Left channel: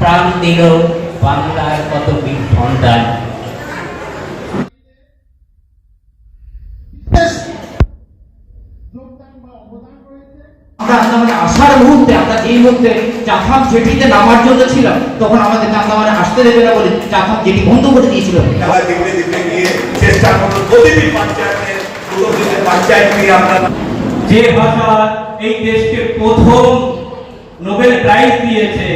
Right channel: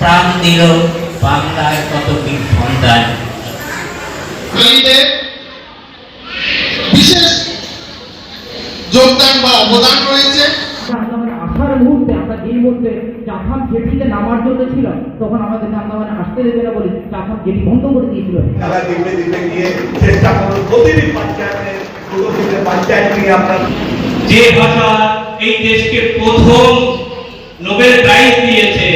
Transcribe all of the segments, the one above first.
প্রাণ দিল বাংলার কত বীর সন্তান। বিশেষ যোগদান বা অবদান রয়েছে। আমরা আন্দামানে আসার মুহূর্তে, আমরা এই মুহূর্তে চাথাম জেটিতে নামার জন্য ছিলাম, তখন আমাদের আন্দামানে আসতে দেবে না বলে চাথাম জেটি বন্ধ করে দিয়েছিল। দিনে দিনে গিয়ে চেষ্টা করুন প্রতিটি পঞ্চায়েতের পঞ্চায়েত নিয়ে আমরা যে ভাষা এই দেশকে প্রথম নোবেল প্রাইজ দিয়েছে,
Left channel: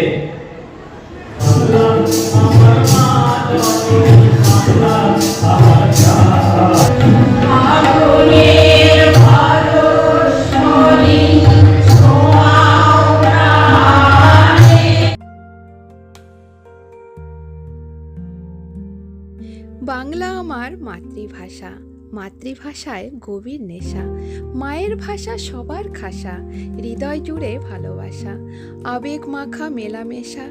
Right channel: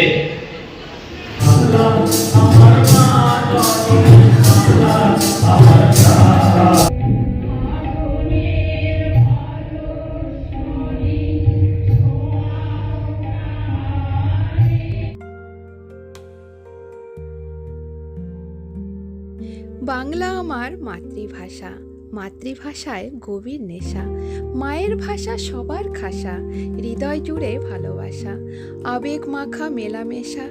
বাংলা আমার মাতৃভাষা, মাতৃভাষায় গভীর নেশা, মায়ের ভাষা সবার খাসা, হৃদয় জুড়ে ভালোবাসা, আবেগ মাখা মেলামেশা,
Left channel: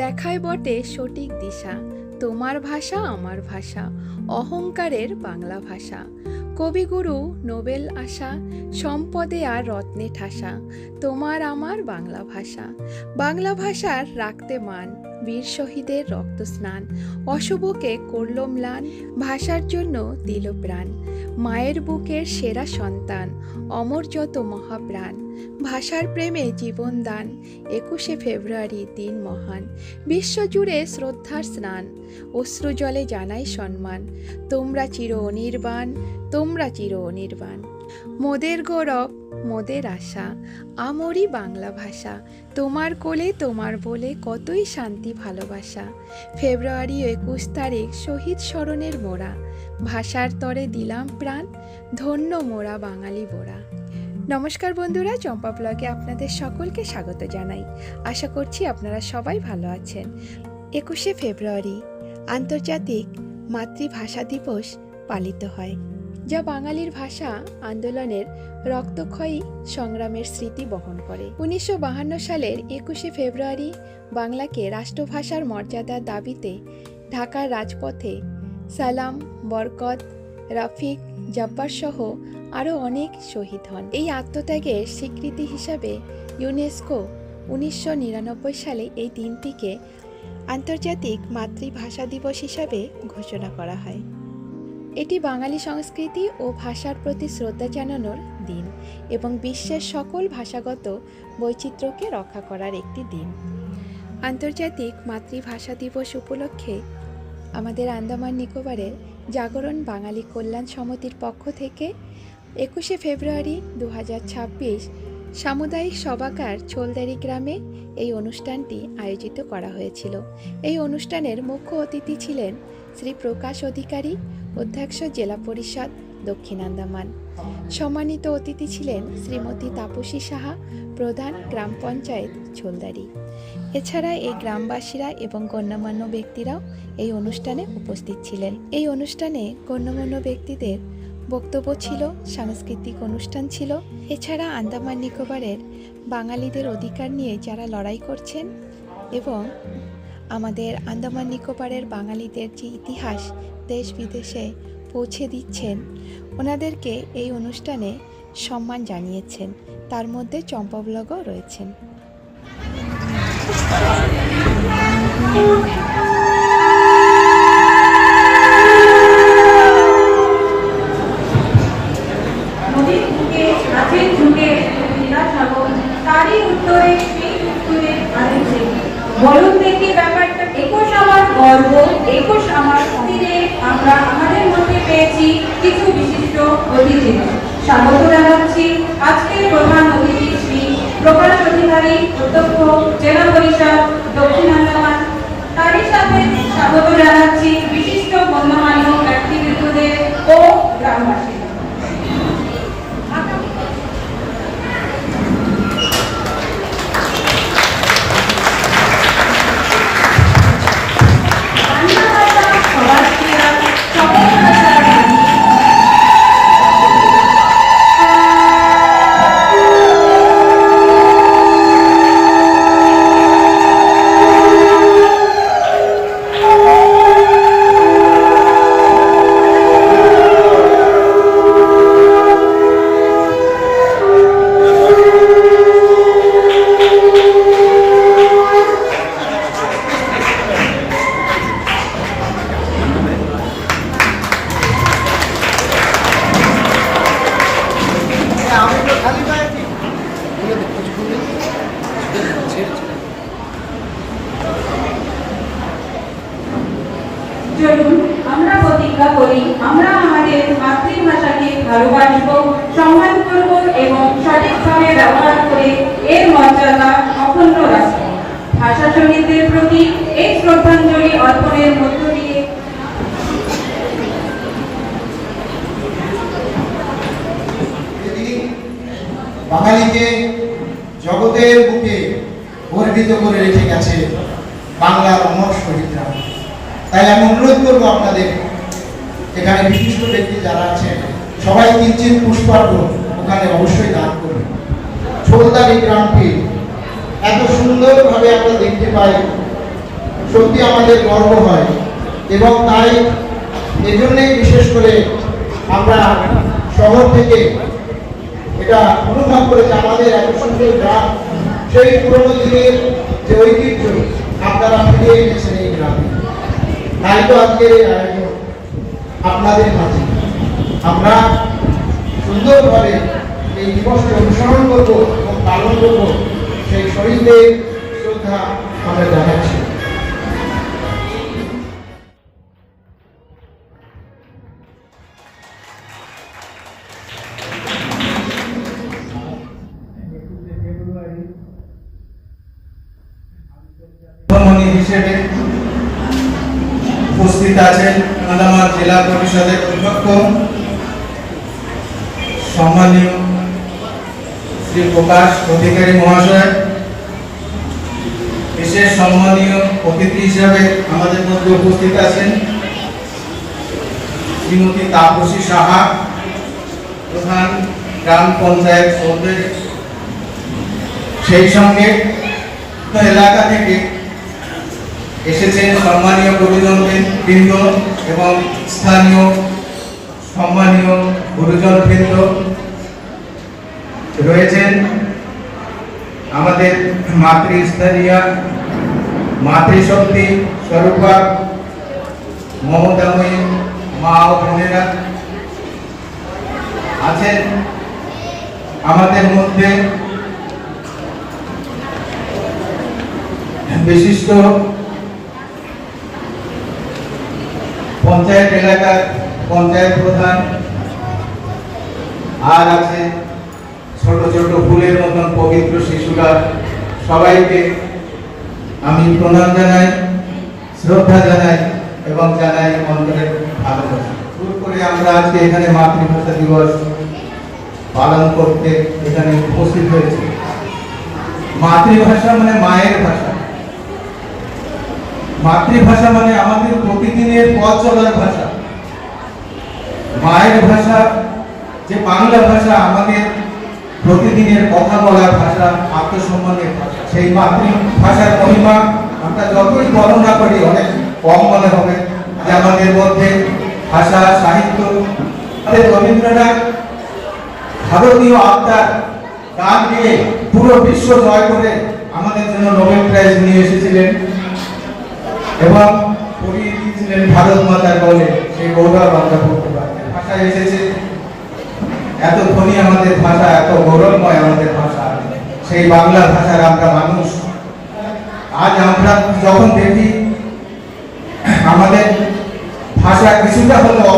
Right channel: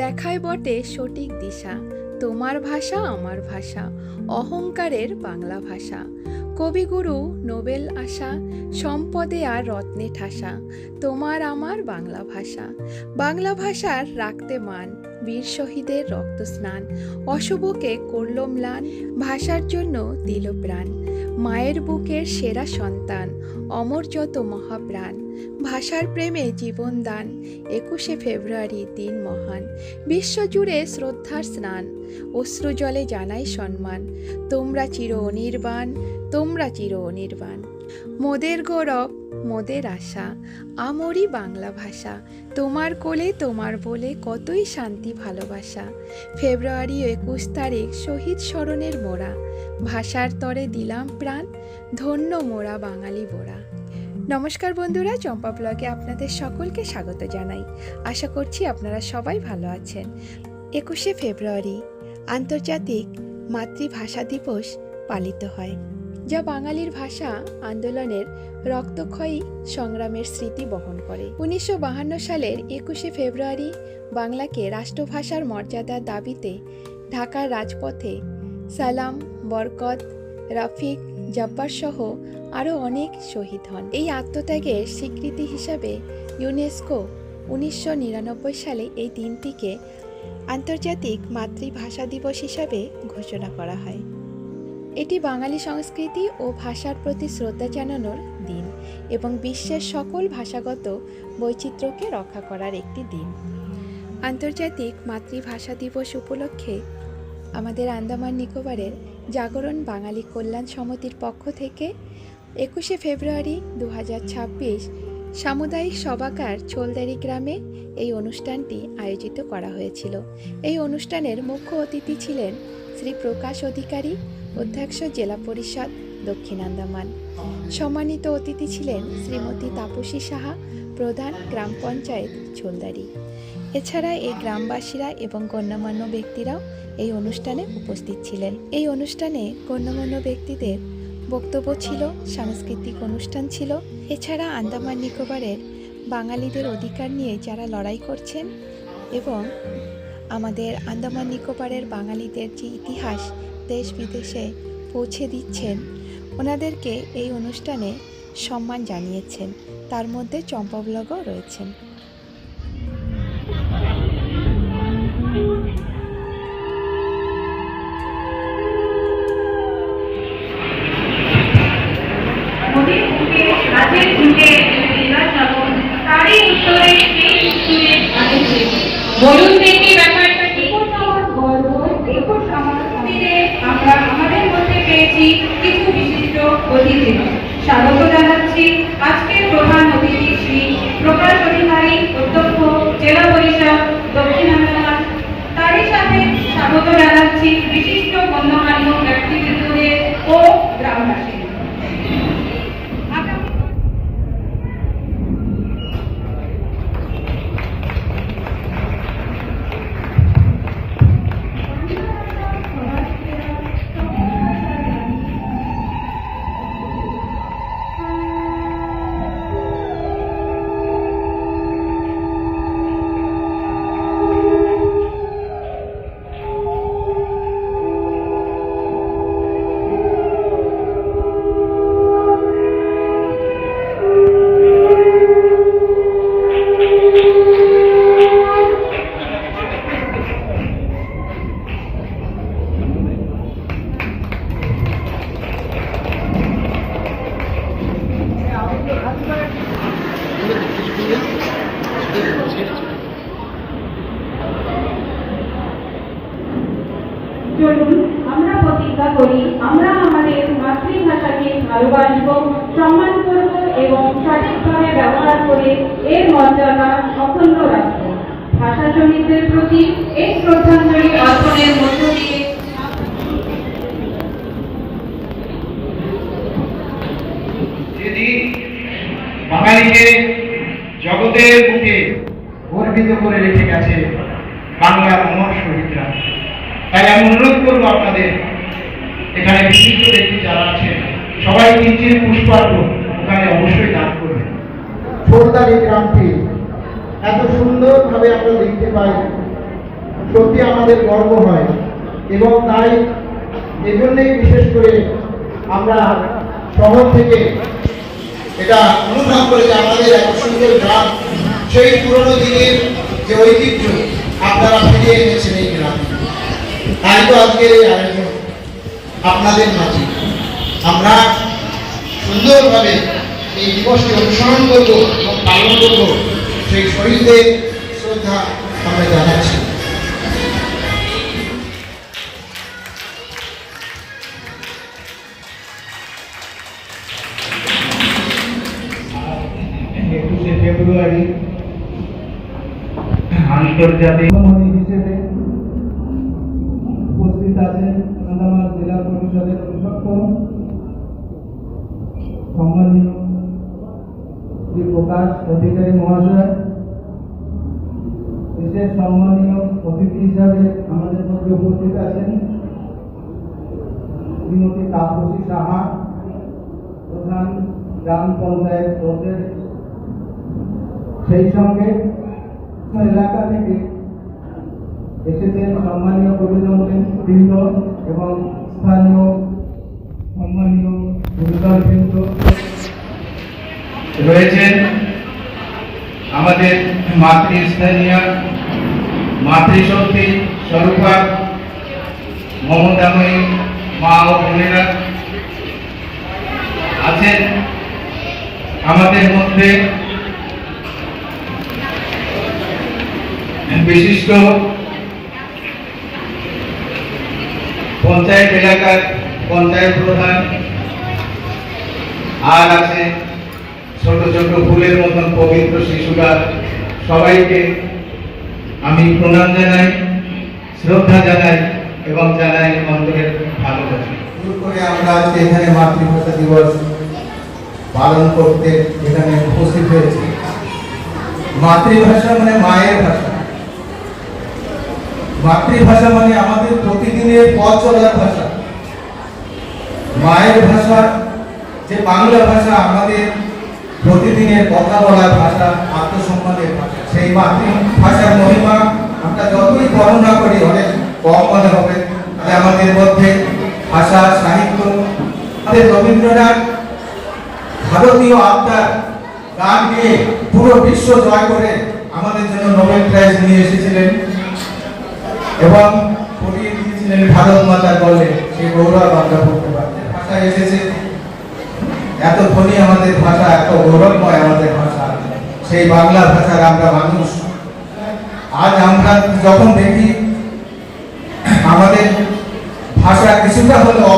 দেখায় বটে সঠিক দিশা, তোমার ভাষা আমার ভাষা, অহংকারের বাংলা ভাষা, কবিগুরু নোবেল আশা, সম্পদে আর রত্নে ঠাসা, তোমার আমার বাংলা ভাষা, বাংলা ভাষার রাখতে মান, বীর শহীদের রক্ত স্নান, অশুভকে করল ম্লান, ভাষার জন্য দিল প্রাণ, মায়ের বুকের সেরা সন্তান, অমর যত মহাপ্রাণ, ভাষার প্রেমে জীবন দান, 21শে ফেব্রুয়ারি দিন মহান, বিশ্বজুড়ে শ্রদ্ধার স্নান, অশ্রু জলে জানাই সম্মান, তোমরা চির অনির্বাণ, তোমরা চির অনির্বাণ, মোদের গৌরব মোদের আশা, আমরি বাংলা ভাষা, তোমার কোলে তোমার বলে কতই শান্তি ভালোবাসা, ফেব্রুয়ারি 21 তারিখ শহীদ স্মরণের মোরা, ভাষার তরে দিলাম প্রাণ, ধন্য মোরা বাঙালি বোরা। নমস্কার বন্ধুরা, চম্পা ব্লগে আপনাদের সকলকে স্বাগত জানাই। আশা করছি আপনারা সবাই ভালো আছেন। 21শে ফেব্রুয়ারি আন্তর্জাতিক মাতৃভাষা দিবস পালিত হয়, যা বাঙালির ভাষা আন্দোলনের রক্তক্ষয়ী সংগ্রামের স্মৃতি বহন করে। 1952 সালের 21শে ফেব্রুয়ারি বাংলাকে রাষ্ট্রভাষার মর্যাদার দাবিতে ঢাকার রাজপথে সালাম, বরকত, রফিক, জব্বার সহ আরও অনেক শহীদ হন। এই আত্মত্যাগের স্বীকৃতি হিসাবে ইউনেস্কো 1999 সালে এই দিনটিকে আন্তর্জাতিক মাতৃভাষা দিবস হিসাবে ঘোষণা করা হয়। এটি বাঙালি সংস্কৃতি ও ভাষার প্রতি শ্রদ্ধা জানানোর দিন এবং বিশ্বের সকল ভাষাগত বৈচিত্র্যকে রক্ষা করার একটি দিন। আন্তর্জাতিক মাতৃভাষা দিবস উপলক্ষে আমাদের আন্দামান নিকোবরের জাগরণ বাঙালি কল্যাণ সমিতির পক্ষ থেকে 21শে ফেব্রুয়ারি 2026 সামুদায়িক সভাকার ছোলদারি গ্রামে এই অনুষ্ঠানটি আয়োজিত করা হয়েছিল। এই অনুষ্ঠানের মুখ্য অতিথি ছিলেন শ্রী প্রকাশ অধিকারী, অধ্যক্ষ জেলা পরিষদ দক্ষিণ আন্দামান। সম্মানিত অতিথি ছিলেন শ্রীমতী তাপসী সাহা, প্রধান গ্রাম পঞ্চায়েত ছোলদারি। এছাড়া এই গ্রামবাসীরা এবং গণ্যমান্য ব্যক্তিরাও এই অনুষ্ঠানে উপস্থিত ছিলেন। এই অনুষ্ঠানে গণ্যমান্য ব্যক্তিদের বক্তব্য ছিল, সাংস্কৃতিক অনুষ্ঠান ছিল। এছাড়া আন্দামান নিকোবরের বাঙালিদের অধিকার নিয়ে যারা লড়াই করছেন এবং আমাদের আন্দামান নিকোবরের বাঙালিদের যে ইতিহাস দেশ বিদেশে পৌঁছে দিচ্ছেন, ওনাদেরকে এই অনুষ্ঠানে সম্মান জানিয়েছেন। তার মধ্যে চম্পা ব্লগও রয়েছেন। বলুন দেখি ব্যাপারটা। 21 আমার গর্ব, 21 আমার ফিরে আমরা আমাদের মধ্যে পেয়েছি কিছু বিশিষ্ট অতিথি। স্বাগত জানাচ্ছি আজকের প্রধান অতিথি শ্রী প্রকাশ অধিকারী, অধ্যক্ষ জেলা পরিষদ দক্ষিণ আন্দামান। তারই এর মর্যাদা অক্ষুণ্ণ রাখে। ভাষা শহীদদের প্রতি এই শ্রদ্ধাঞ্জলি অর্পণের মধ্য দিয়ে বাঙালিকে জগতের বুকে গর্বিত করে রেখে গেছে বাংলার অমর শহীদরা। তাই আমি অনুরোধ করবো আপনাদের, এখানে বিশিষ্ট ব্যক্তি যারা আছেন সবাই কিঞ্চিৎ পুষ্পার্ঘ ওখানে অবশ্যই দান করবেন। ছোটদার এই গ্রামটি এত সুন্দরভাবে আমরা দেখতে পাই, সত্যি আমাদের গর্ব হয়। এবং তাই এজন্যই বিশেষ করে আমরা শহর থেকে এটা অনুভব করে যে আমাদের এত সুন্দর গ্রাম, সেই পুরনো দিনের যে ঐতিহ্য আপনারা ফিরিয়ে এনেছেন এই গ্রামে। তাই তো আজকের এই আয়োজন আপনাদের মাঝে। আমরা সুন্দরভাবে এই দিবসটি অনুসরণ করবো এবং পালন করবো, সেই শহীদদের শ্রদ্ধা আমরা জানাচ্ছি। ফেব্রুয়ারি আন্তর্জাতিক মণি হিসেবে উপস্থিত আছেন কাঁদামার জেলা পরিষদের অধ্যক্ষ সম্মানীয় শ্রী প্রকাশ অধিকারী মহাশয়। বিশেষ সম্মানীয় অতিথি হিসেবে আমাদের মধ্যে উপস্থিত আছেন শ্রীমতী তাপসী সাহা, প্রধান গ্রাম পঞ্চায়েত সদস্য। সেই সঙ্গে এলাকা থেকে এসেছেন সম্মানীয় গুরুজনবৃন্দ এবং স্থানীয় সম্মানীয় গুরুজনবৃন্দ রয়েছেন। আমাদের মাতৃস্থানীয় মাতৃশক্তি স্বরূপা মমতাময়ী মা ও বোনেরা আছেন আমাদের মধ্যে। বিশিষ্ট পঞ্চায়েত এলাকার পঞ্চায়েত প্রধান, আর আছে ছোট ছোট ফুলের মতন পবিত্র শিশুরা। সবাইকে আমি প্রণাম জানাই, শ্রদ্ধা জানাই এবং জানাই অন্তরের ভালোবাসা। শুরু করে আমরা আজকে এখানে মাতৃভাষা দিবস পালন করতে এখানে উপস্থিত হয়েছি। মাতৃভাষা মানে মায়ের ভাষা। মাতৃভাষা মানে আমাদের প্রতিদিনের পথ চলার ভাষা। মায়ের ভাষা যে বাংলা ভাষা, আমাদের প্রতিদিনের কথা বলার ভাষা, আত্মসম্মানের ভাষা। সেই মাতৃভাষার মহিমা আমরা যতই বর্ণনা করি অনেক কম মনে হবে। যে আমাদের মধ্যে ভাষা সাহিত্য, আমাদের রবীন্দ্রনাথ ভারতীয় আত্মার গান গেয়ে পুরো বিশ্ব জয় করে আমাদের জন্য নোবেল প্রাইজ নিয়ে এসেছিলেন এবং পড়িয়ে দিয়েছিলেন ভারত মাতার বলে। সেই গৌরব আমরা করতে পারি। ভাষায় এসেছে, এত ধনী আমাদের ভাষা, এত গৌরবময় আমাদের ভাষা, সেই বাংলা ভাষার আমরা মানুষ। আজ আমরা যখন দেখি আমাদের ভাষা কিছুটা হলেও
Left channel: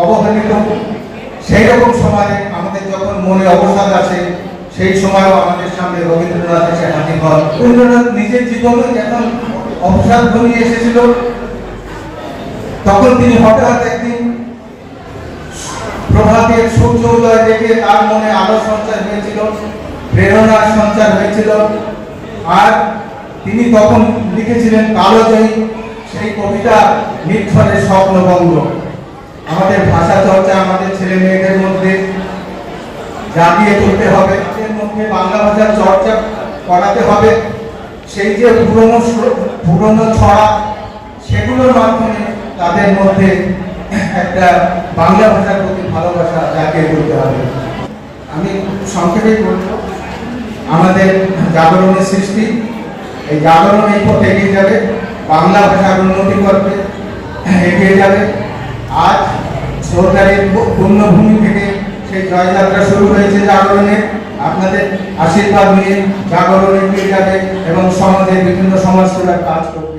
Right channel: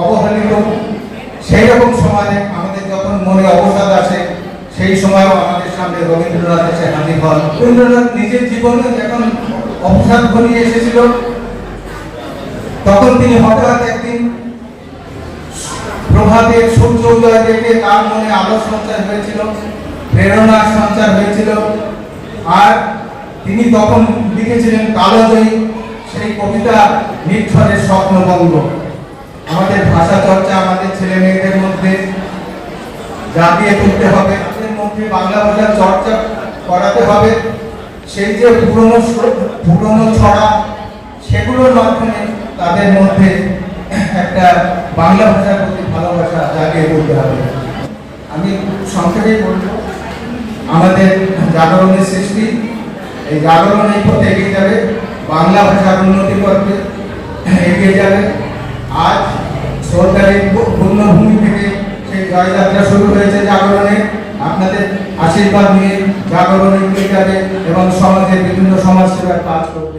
অবহেলিত, সেই রকম সময়ে আমাদের যখন মনে অবসাদ আসে, সেই সময়ও আমাদের সামনে রবীন্দ্রনাথ এসে হাজির হন। রবীন্দ্রনাথ নিজের জীবনে যখন অবসাদ ঘনিয়ে এসেছিল, তখন তিনি হঠাৎ একদিন প্রভাতের সূর্য উদয় দেখে তার মনে আলো সঞ্চার হয়েছিল, প্রেরণার সঞ্চার হয়েছিল। আর তিনি তখন লিখেছিলেন কালোজয়ী সেই কবিতা নির্ঝরে স্বপ্নবঙ্গ। আমাদের ভাষা চর্চা আমাদের ছেলে মেয়েদের মধ্যে জাগিয়ে তুলতে হবে, তাদের মধ্যে বাংলা ভাষার চর্চা করাতে হবে। সেই যে পুরনো ছড়া, সেগুলোর মাধ্যমে তাদের মধ্যে একটা বাংলা ভাষার প্রতি ভালোবাসা জাগিয়ে তুলতে হবে। আমি সংক্ষেপে বলব, আমাদের জাগরণের সৃষ্টি, এই জাগরণ এই পথে এগিয়ে যাবে, বাংলা ভাষার উন্নতি করবে, এগিয়ে যাবে। আজ সরকারের পূর্ণভূমি থেকে সেই জয়যাত্রা শুরু হয়েছে জাগরণে। আপনাদের আশীর্বাদ নিয়ে জাগরণ এগিয়ে যাবে এবং সমাজের বিভিন্ন সমাজসেবার কাজ করবে।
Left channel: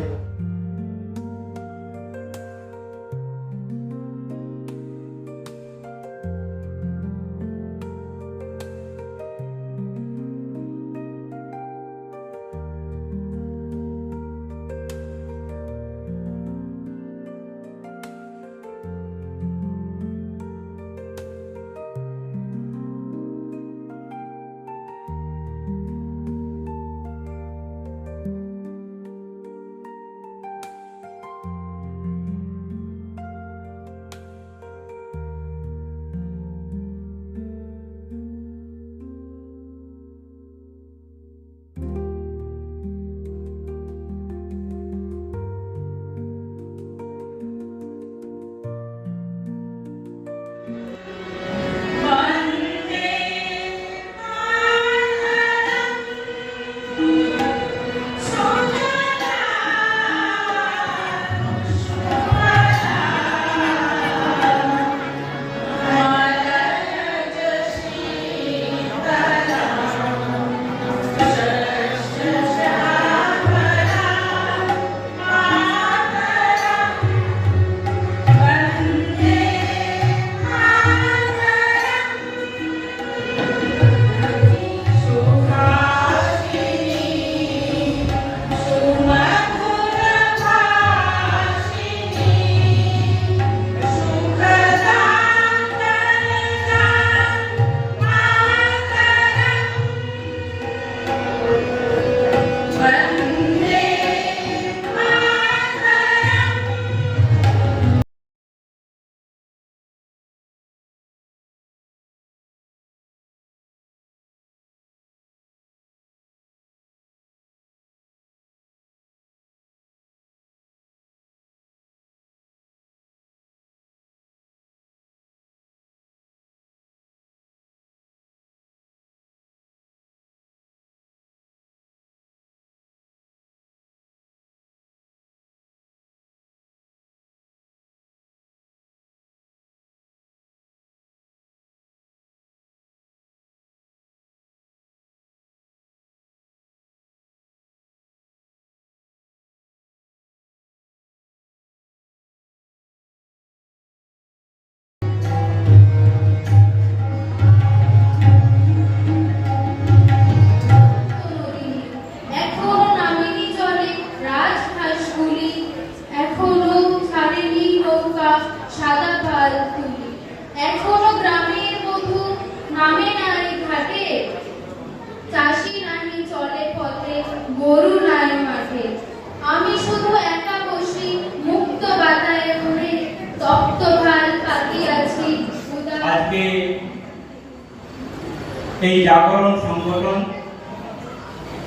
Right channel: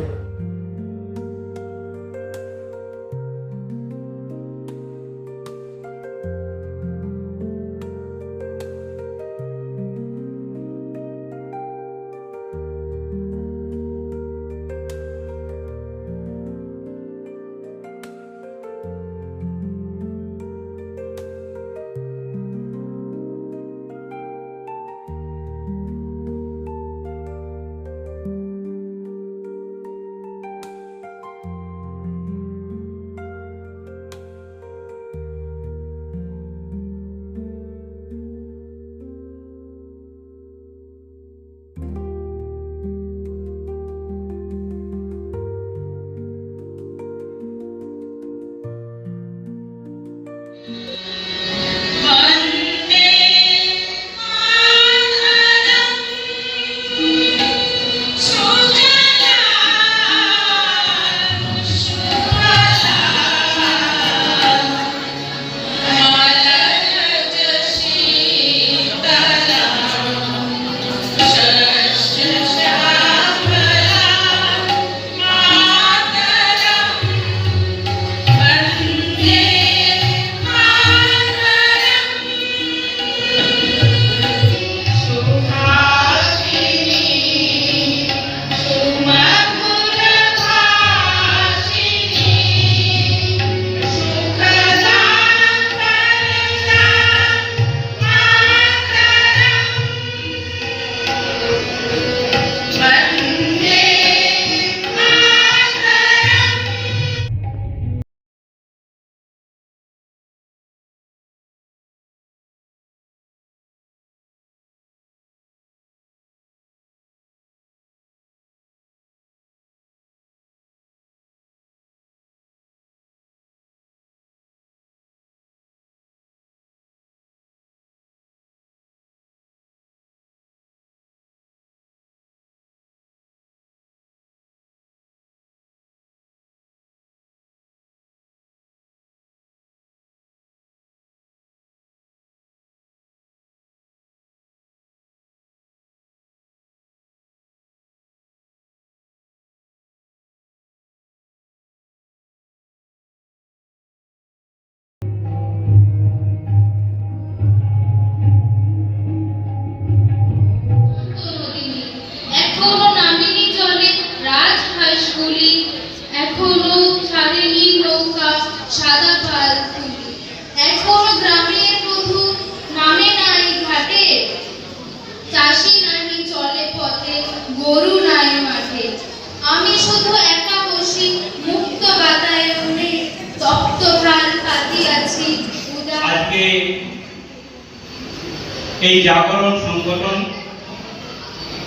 এই জাগরণ সংগঠন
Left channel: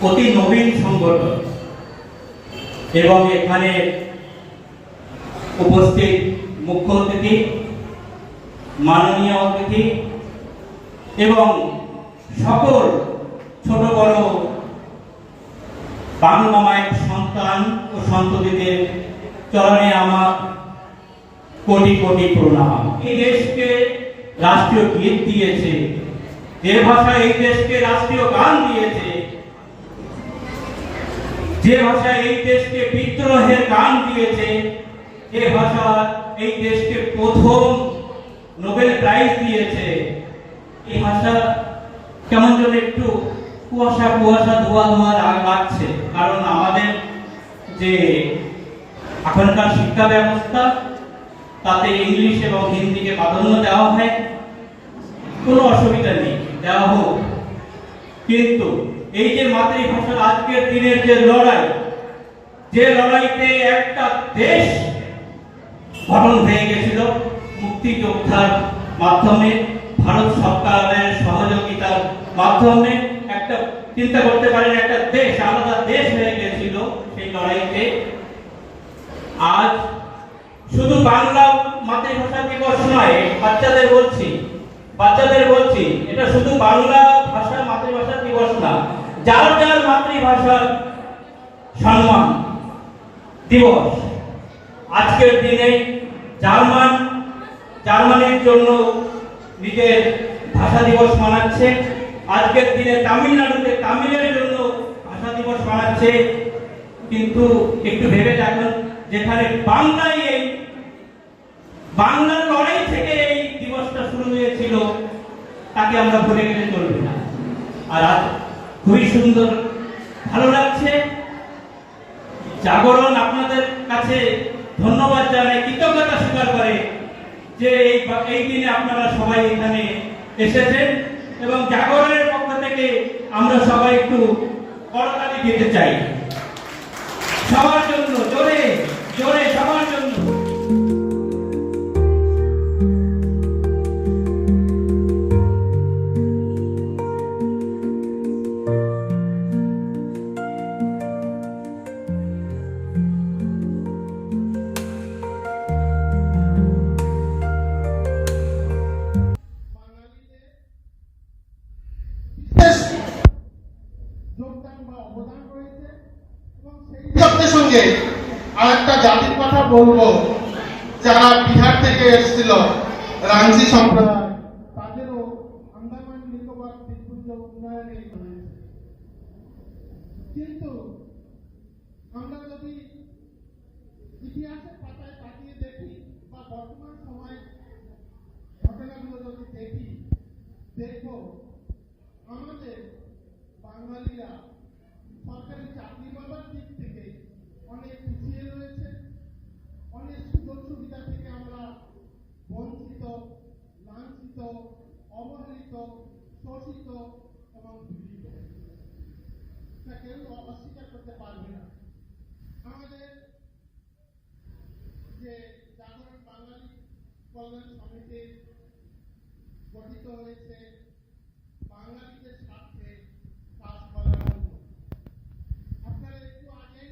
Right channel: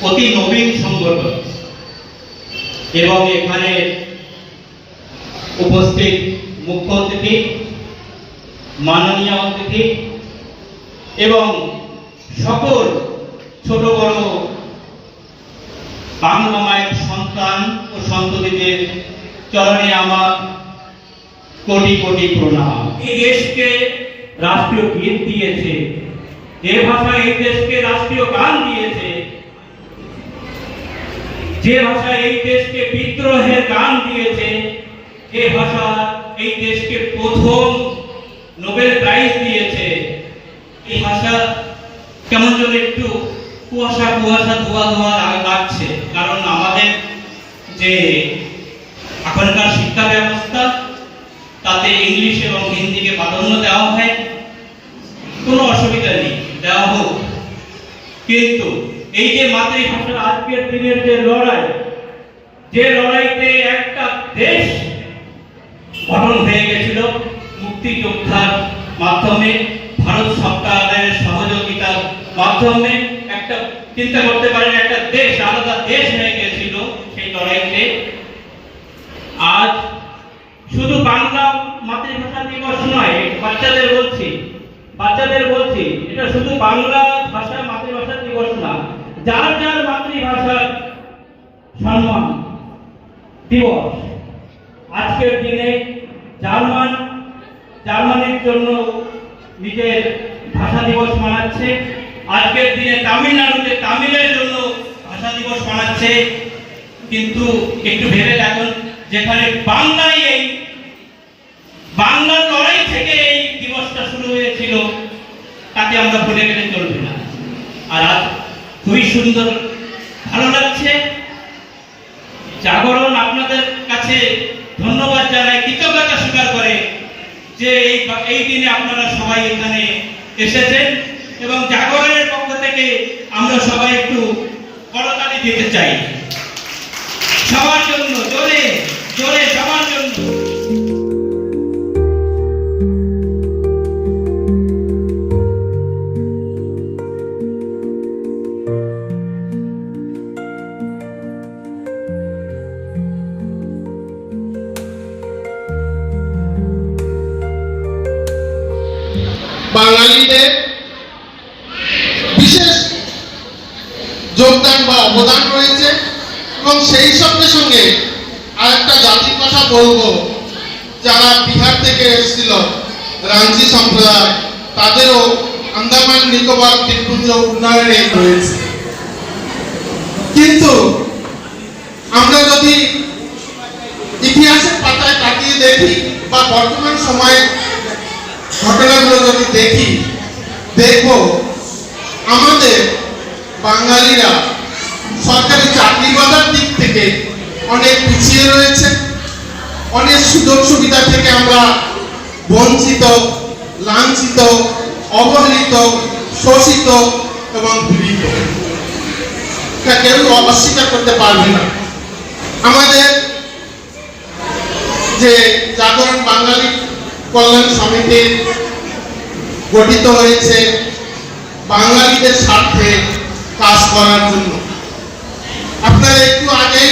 অতি নবীন সংগঠন এবং এখানে উপস্থিত মুখ্য অতিথি, মাননীয় অতিথি এবং সকল ছোট বড় বাংলা মায়ের সন্তান ও সন্ততিদের চরণে আমার কোটি কোটি প্রণাম। এই দেশকে রাষ্ট্রীয় গীত দিয়েছে, যে ভাষা এই দেশকে রাষ্ট্রীয় গান দিয়েছে, যে ভাষা এই দেশকে বিদ্রোহের গান দিয়েছে, যে ভাষা এই দেশকে প্রথম নোবেল প্রাইজ দিয়েছে, এই ভাষা কেমন যেন একটু কুয়াশা কুয়াশা ধোয়া ধোয়া লাগছে। কারণ আমাদের যে এখনকার শিক্ষা ব্যবস্থা তাতে ইংলিশ এবং হিন্দিকে প্রাধান্য দেওয়া হয়, কোনো অসুবিধা নেই, দেওয়া হোক। কিন্তু এই যে মাতৃভাষার আজকের দিনের যে লড়াই, যে লড়াইতে একটা দেশ গঠন হয়ে গেছিল মুক্তিযোদ্ধার মাধ্যমে, ভারত সরকারের সহযোগিতার মাধ্যমে, একটা চিন্তা করতে পারেন একটা দেশ, আলাদা দেশ হয়ে গেছিল সেই লড়াইতে। আজ শুধু বাংলা মাতৃভাষা দিবস নয়, বাচ্চাদের বলছি এটা শুধু বাংলা ভাষা মাতৃভাষা দিবস না, যার যার মাতৃভাষার সম্মান দিবস। আজকের দিনে জার্মানির জন্য নিজের ভাষা দিবস মানাচ্ছে, আজকের দিনে তামিলনাড়ুতে তামিলের জন্য ভাষা দিবস মানাচ্ছে। কিন্তু একটু ভেবে দেখুন, যেখানে বাংলার লড়াই থেকে এই দিবসটা শুরু হয়েছিল, তাকে আমরা ভুলে গেলে চলবে না। আর আজ খুবই সুন্দর, ভালো লাগছে। জাগরণ আপনাদের কাছে ধন্যবাদ জানাই, কৃতজ্ঞতা স্বীকার করে যে এই দিনে আপনারা সবাই এখানে এসেছেন, এবং জাগরণের পক্ষ থেকে আমরা সবাই একটু করতালি দিতে চাই সবার জন্য, জোরে জোরে সবার জন্য। বাঙালিদের বিশেষ যোগদান বা অবদান রয়েছে, এবং সেই সঙ্গে সঙ্গে আরেকটা জাতির কথা বলবো, যারা বিহার থেকে এসেছিল, রাঞ্চি সম্প্রদায়, তাদেরও আন্দামান নিকোবর দ্বীপপুঞ্জ উন্নয়নে রয়েছে। কিন্তু আমরা যদি ইতিহাসের পাতায় তাকিয়ে দেখি বা বর্তমান সময়ে ঘটনাগুলো যদি দেখব আমাদের বাঙালিরা সরকারি চাকরি বাজার দিক থেকে অনেক পিছিয়ে রয়েছে, অনেক সুযোগ সুবিধা থেকে আমরা বঞ্চিত, লাঞ্ছিত, অবহেলিত, শোষিত এবং পীড়িত। এটা কেউ অস্বীকার করতে পারবে না। আমাদের যে জাগরণ বাঙালি কল্যাণ সমিতি গঠিত হয়েছে বাঙালিদের স্বার্থে কাজ করার জন্য। আপনারা একটু আগে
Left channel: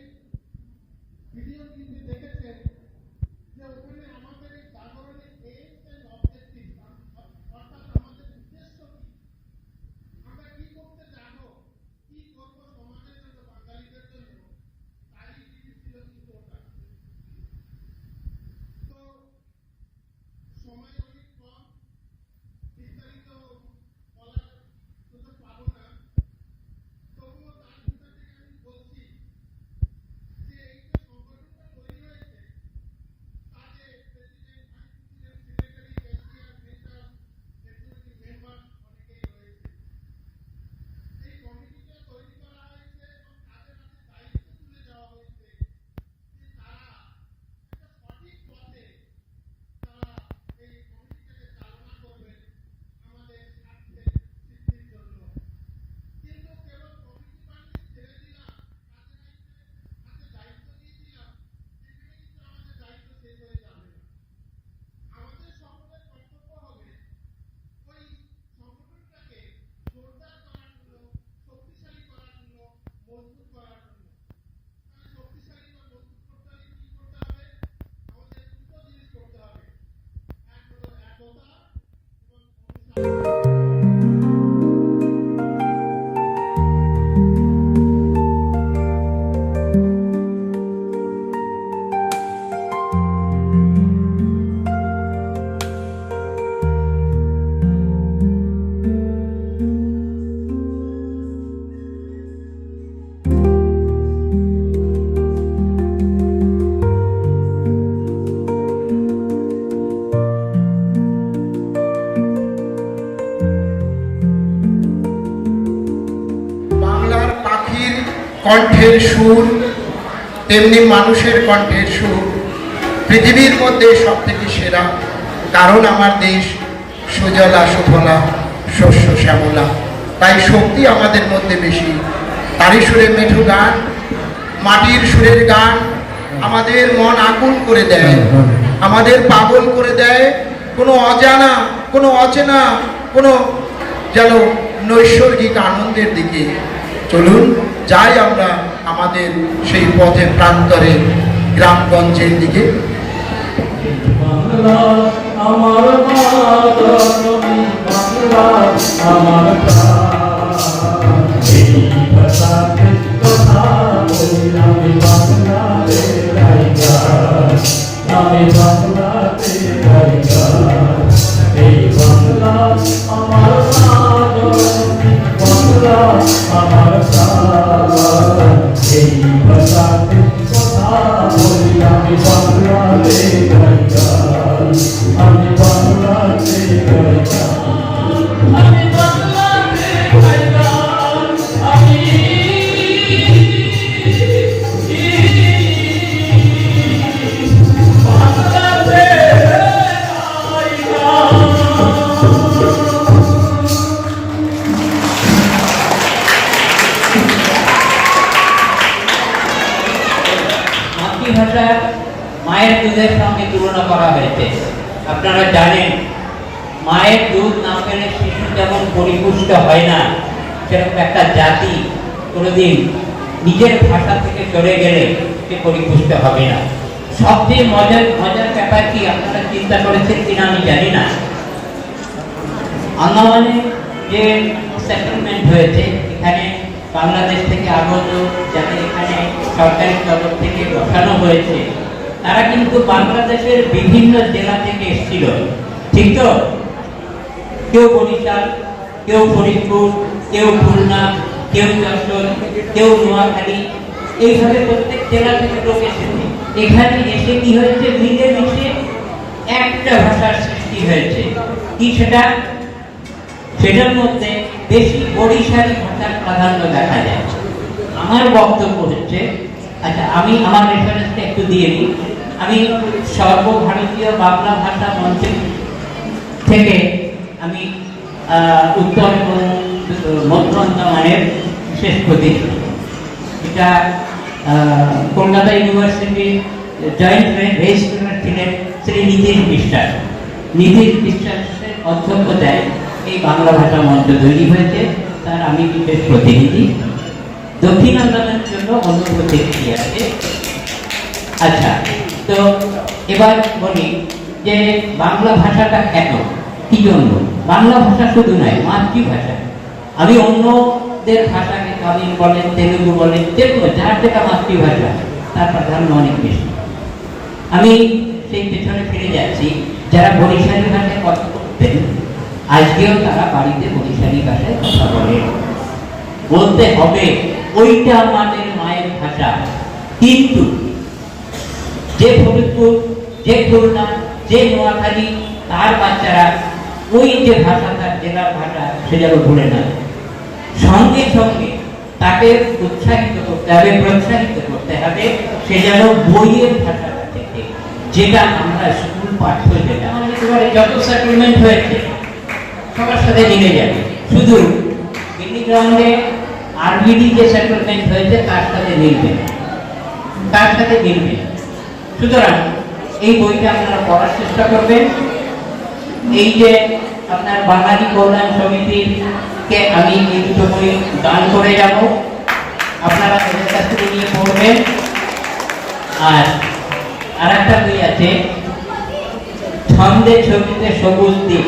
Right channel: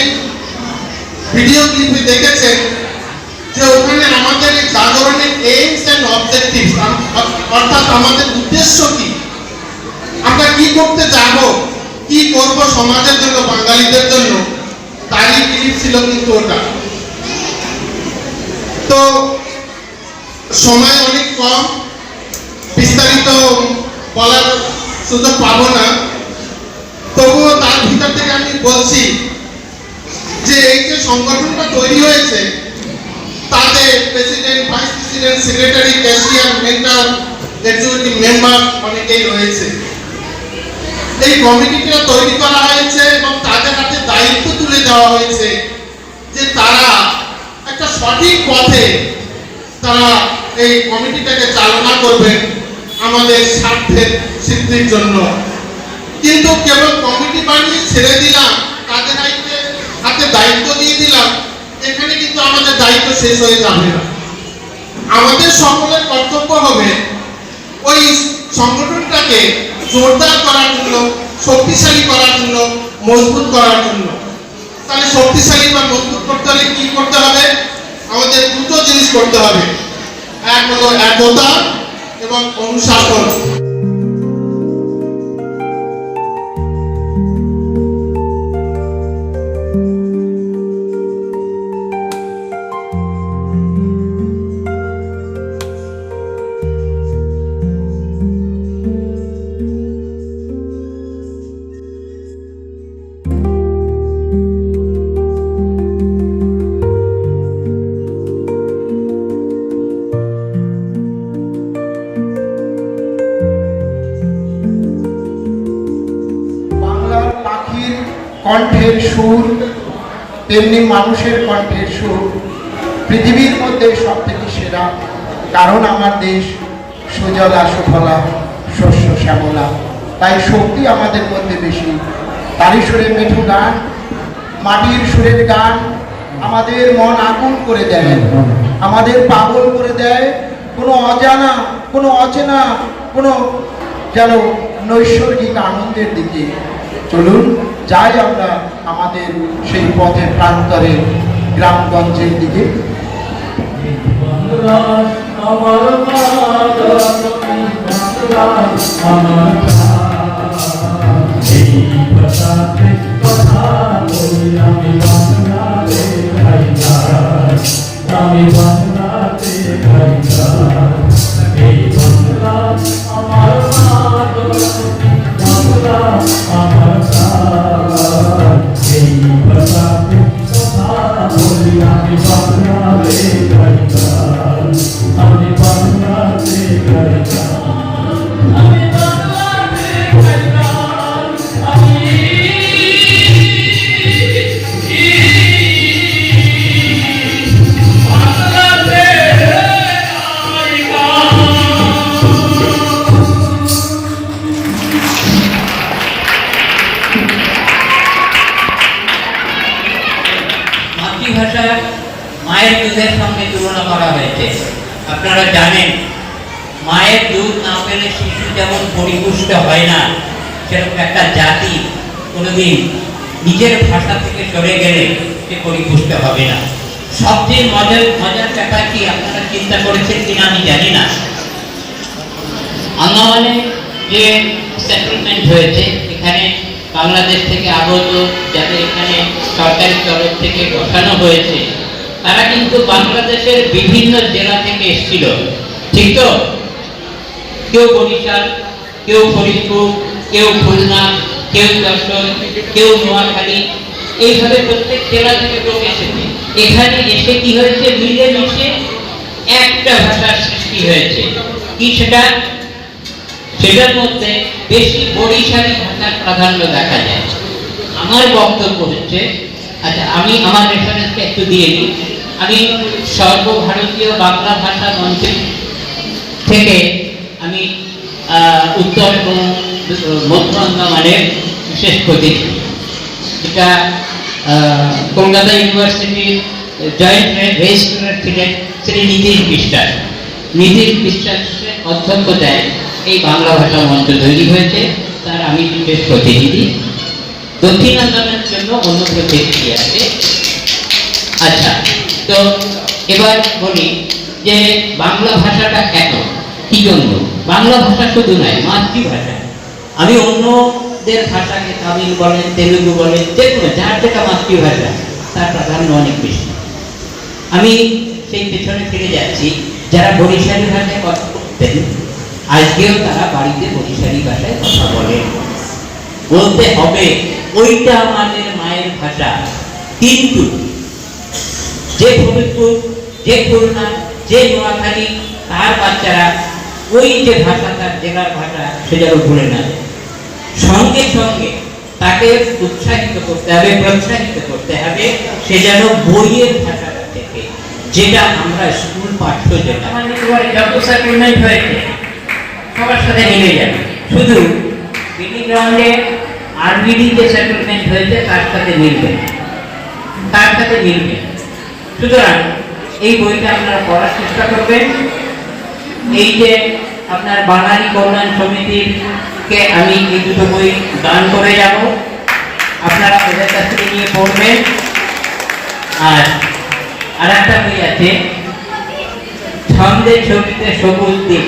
ভিডিও ক্লিপে দেখেছেন যে ওখানে আমাদের এই জাগরণের এইমস এন্ড অবজেক্টিভস, অর্থাৎ আমাদের উদ্দেশ্য কি, আমরা কি করতে যাব, কি করব সমাজের জন্য, বাঙালিদের জন্য, তারই ক্লিপ ছিল কিন্তু ওটা। তো সময় অনেক কম, বিস্তারিত বলার সুযোগ পাবো না, তবুও তার ভিতর থেকে আমি বলছি যে এই যে সংগঠনটা তৈরি হয়েছে তাতে president, vice president, secretary, cashier, mentor, executive member অনেকেই রয়েছে। এই কমিটিটা তৈরি করা হয়েছে এবং তাদের হাতে দায়িত্ব তুলে দেওয়া হয়েছে যে তারা একটা সঠিক পথে তারা এই কমিটিটাকে চালনা করবেন আমাদের স্বার্থের সিদ্ধির জন্য। কিন্তু কেবল কমিটি বানিয়ে ছেড়ে দিলাম, তাদের হাতে দায়িত্ব দিয়ে দিলাম, এখানে কিন্তু আমাদের দায়িত্ব শেষ হয়ে যাবে না। আমাদের সকলের কর্তব্য হবে ওই সংগঠনটাকে জোরদার করার জন্য, শক্তিশালী করার জন্য, মজবুত করার জন্য। তাহলে শক্তিশালী বা মজবুত করতে হলে কি করতে হবে? আমাদের দুটো জিনিস করতে হবে। এক হলো একতা এবং অনুশাসন। কণ্ঠের সুর তেমনি মানুষের কণ্ঠের সুর পৃথিবীর মধ্যে সব থেকে সেরা। কারণ আমার দেশ সুজলা সুফলা শস্য শ্যামলা, তাই শক্তি আমাদের মধ্যে বেশি। তারই সুরে মেঠো গান, মাটির সুরের গান আমাদের মন আকুল করে দেয়, আমাদের পাগল করে দেয়। কোনো অজানা, কোনো অচেনা, কোনো যেন নৈসর্গিক আনন্দের দিকে। চলুন যাই আমরা আমাদের সেই পথের প্রান্তরে গ্রামগঞ্জের দিকে। মাতৃভাষা মায়ের দুধের সঙ্গে তুলনা করা হয়েছে। আপনারা জানেন মায়ের দুধ না পেলে শিশু যেমন পরিপুষ্ট হয় না, সেরকম একটা জাতি কোনোদিন নিজের ভাষা থেকে সরে গেলে সে পরিপুষ্ট হবে না। সবচেয়ে মজার ব্যাপার কি আপনারা চিন্তা করেছেন কিনা আমি জানি না, আন্দামানে যে সেটেলমেন্ট হয়েছে, এখানে বাংলাদেশ থেকে আগত যাদের এখানে সরকারি তরফ থেকে বসানো হয়েছে, তারা কিন্তু বাংলাদেশের বিভিন্ন জেলা থেকে এসেছিল, ঠিক তো? কেউ বরিশাল, কেউ ফরিদপুর, কেউ খুলনা, কেউ যশোর, কেউ নোয়াখালী, এইভাবে প্রত্যেক জেলা থেকে লোক এসেছে। এখানে এসে কি হয়েছে, মিলেমিশে একটা ভাষার সৃষ্টি হয়েছে। কি সেটা? সেটার মধ্যে বেশি বরিশালী ভাষার প্রাধান্য দেখা যায়। আমার বক্তব্য হচ্ছে, আচ্ছা আমি আমার রেফারেন্সটা একটু দিয়ে দিই। আমি সর্বভারতীয় বাংলা ভাষা মঞ্চ থেকে আমি উত্তর এবং মধ্য আন্দামানের বিশেষ প্রতিনিধি। এটা কলকাতা ইউনিভার্সিটির জয়েন্ট রেজিস্ট্রার ছিলেন শ্রী নীতিশ বিশ্বাস। নীতিশ বিশ্বাসের অধ্যক্ষতায় এই বাংলা ভাষা মঞ্চ তৈরি হয়েছে, তার আমি বিশেষ প্রতিনিধি। দক্ষিণ আন্দামানের জন্য অন্য প্রতিনিধি আছে। আচ্ছা, তো এবার বলি যে বাংলা ভাষাটা কেন, কি জন্য? বাংলা ভাষা শুধু নয়, মাতৃভাষা। আমি অন্যদের ভাষাকে তামিল বলেন, তেলুগু বলেন, যেগুলো যার যেটা মাতৃভাষা তার প্রাধান্য অনেক বেশি। আমি সেই পেছনে ফিরে যাচ্ছি, যারা বরিশালী ভাষায় কথা বলতেন আজকেও তারা বাড়িতে বরিশালী ভাষায় কথা বলে। বলতে হবে ওইটা আমাদের মায়ের ভাষা, কিন্তু যে ফরিদপুর, যে খুলনা, যে নোয়াখালী, তার বাচ্চারা ওই যে ভাষা, তার জেলার ভাষা, সে যেন ভুলে না। সঙ্গে সঙ্গে তাকে উৎসাহিত করতে হবে, প্রোৎসাহিত করতে হবে, সে যেন বইয়ের ভাষাটা থেকে, যেটা আমরা স্কুল পাঠ্য, যেটা যত সেটেলমেন্ট হয়েছে সবার সাথে মিলে যাবে। শুধু গ্রাউন্ডে আরবিডি যে সেটেলমেন্ট হয়েছে তার সাথে মিলবে, তার সাথে মিলবে। সুতরাং এই বইটা আপনারা পড়ার চেষ্টা করবেন। এই যে আপনার বাঙালি কল্যাণ সমিতির কে আমি এই দুটো বই দান করে যাব, আপনারা ওদের কাছ থেকে নিয়ে পড়বেন। আর একটা বই আছে ছন্দে ছবিতে সবুজ দ্বীপ,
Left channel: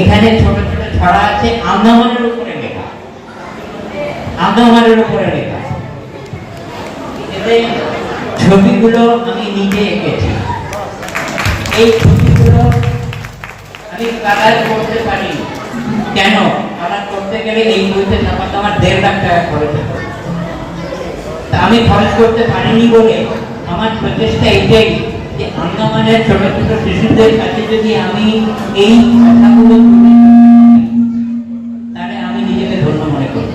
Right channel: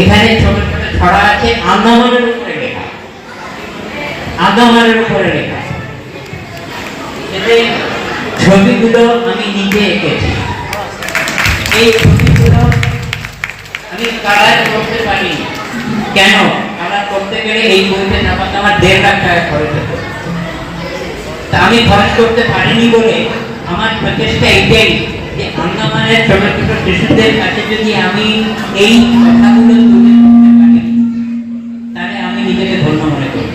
এখানে ছোট ছোট ছড়া আছে আন্দামানের উপরে লেখা, আন্দামানের উপরে লেখা। এতে ছবিগুলো আমি নিজে এঁকেছি। এই ছবিগুলো আমি কালার করতে পারি। কেন? কালার করতে গেলে এই বইতে নামাতে আমার 1.5 লাখ টাকা খরচ হতো। তা আমি খরচ করতে পারিনি বলে আমার প্রচেষ্টা এটাই যে আন্দামানের ছোট ছোট শিশুদের কাছে যদি আমি এই কথাগুলো তুলে ধরতে পারি, তাহলে আমি নিজেকে ধন্য মনে করি।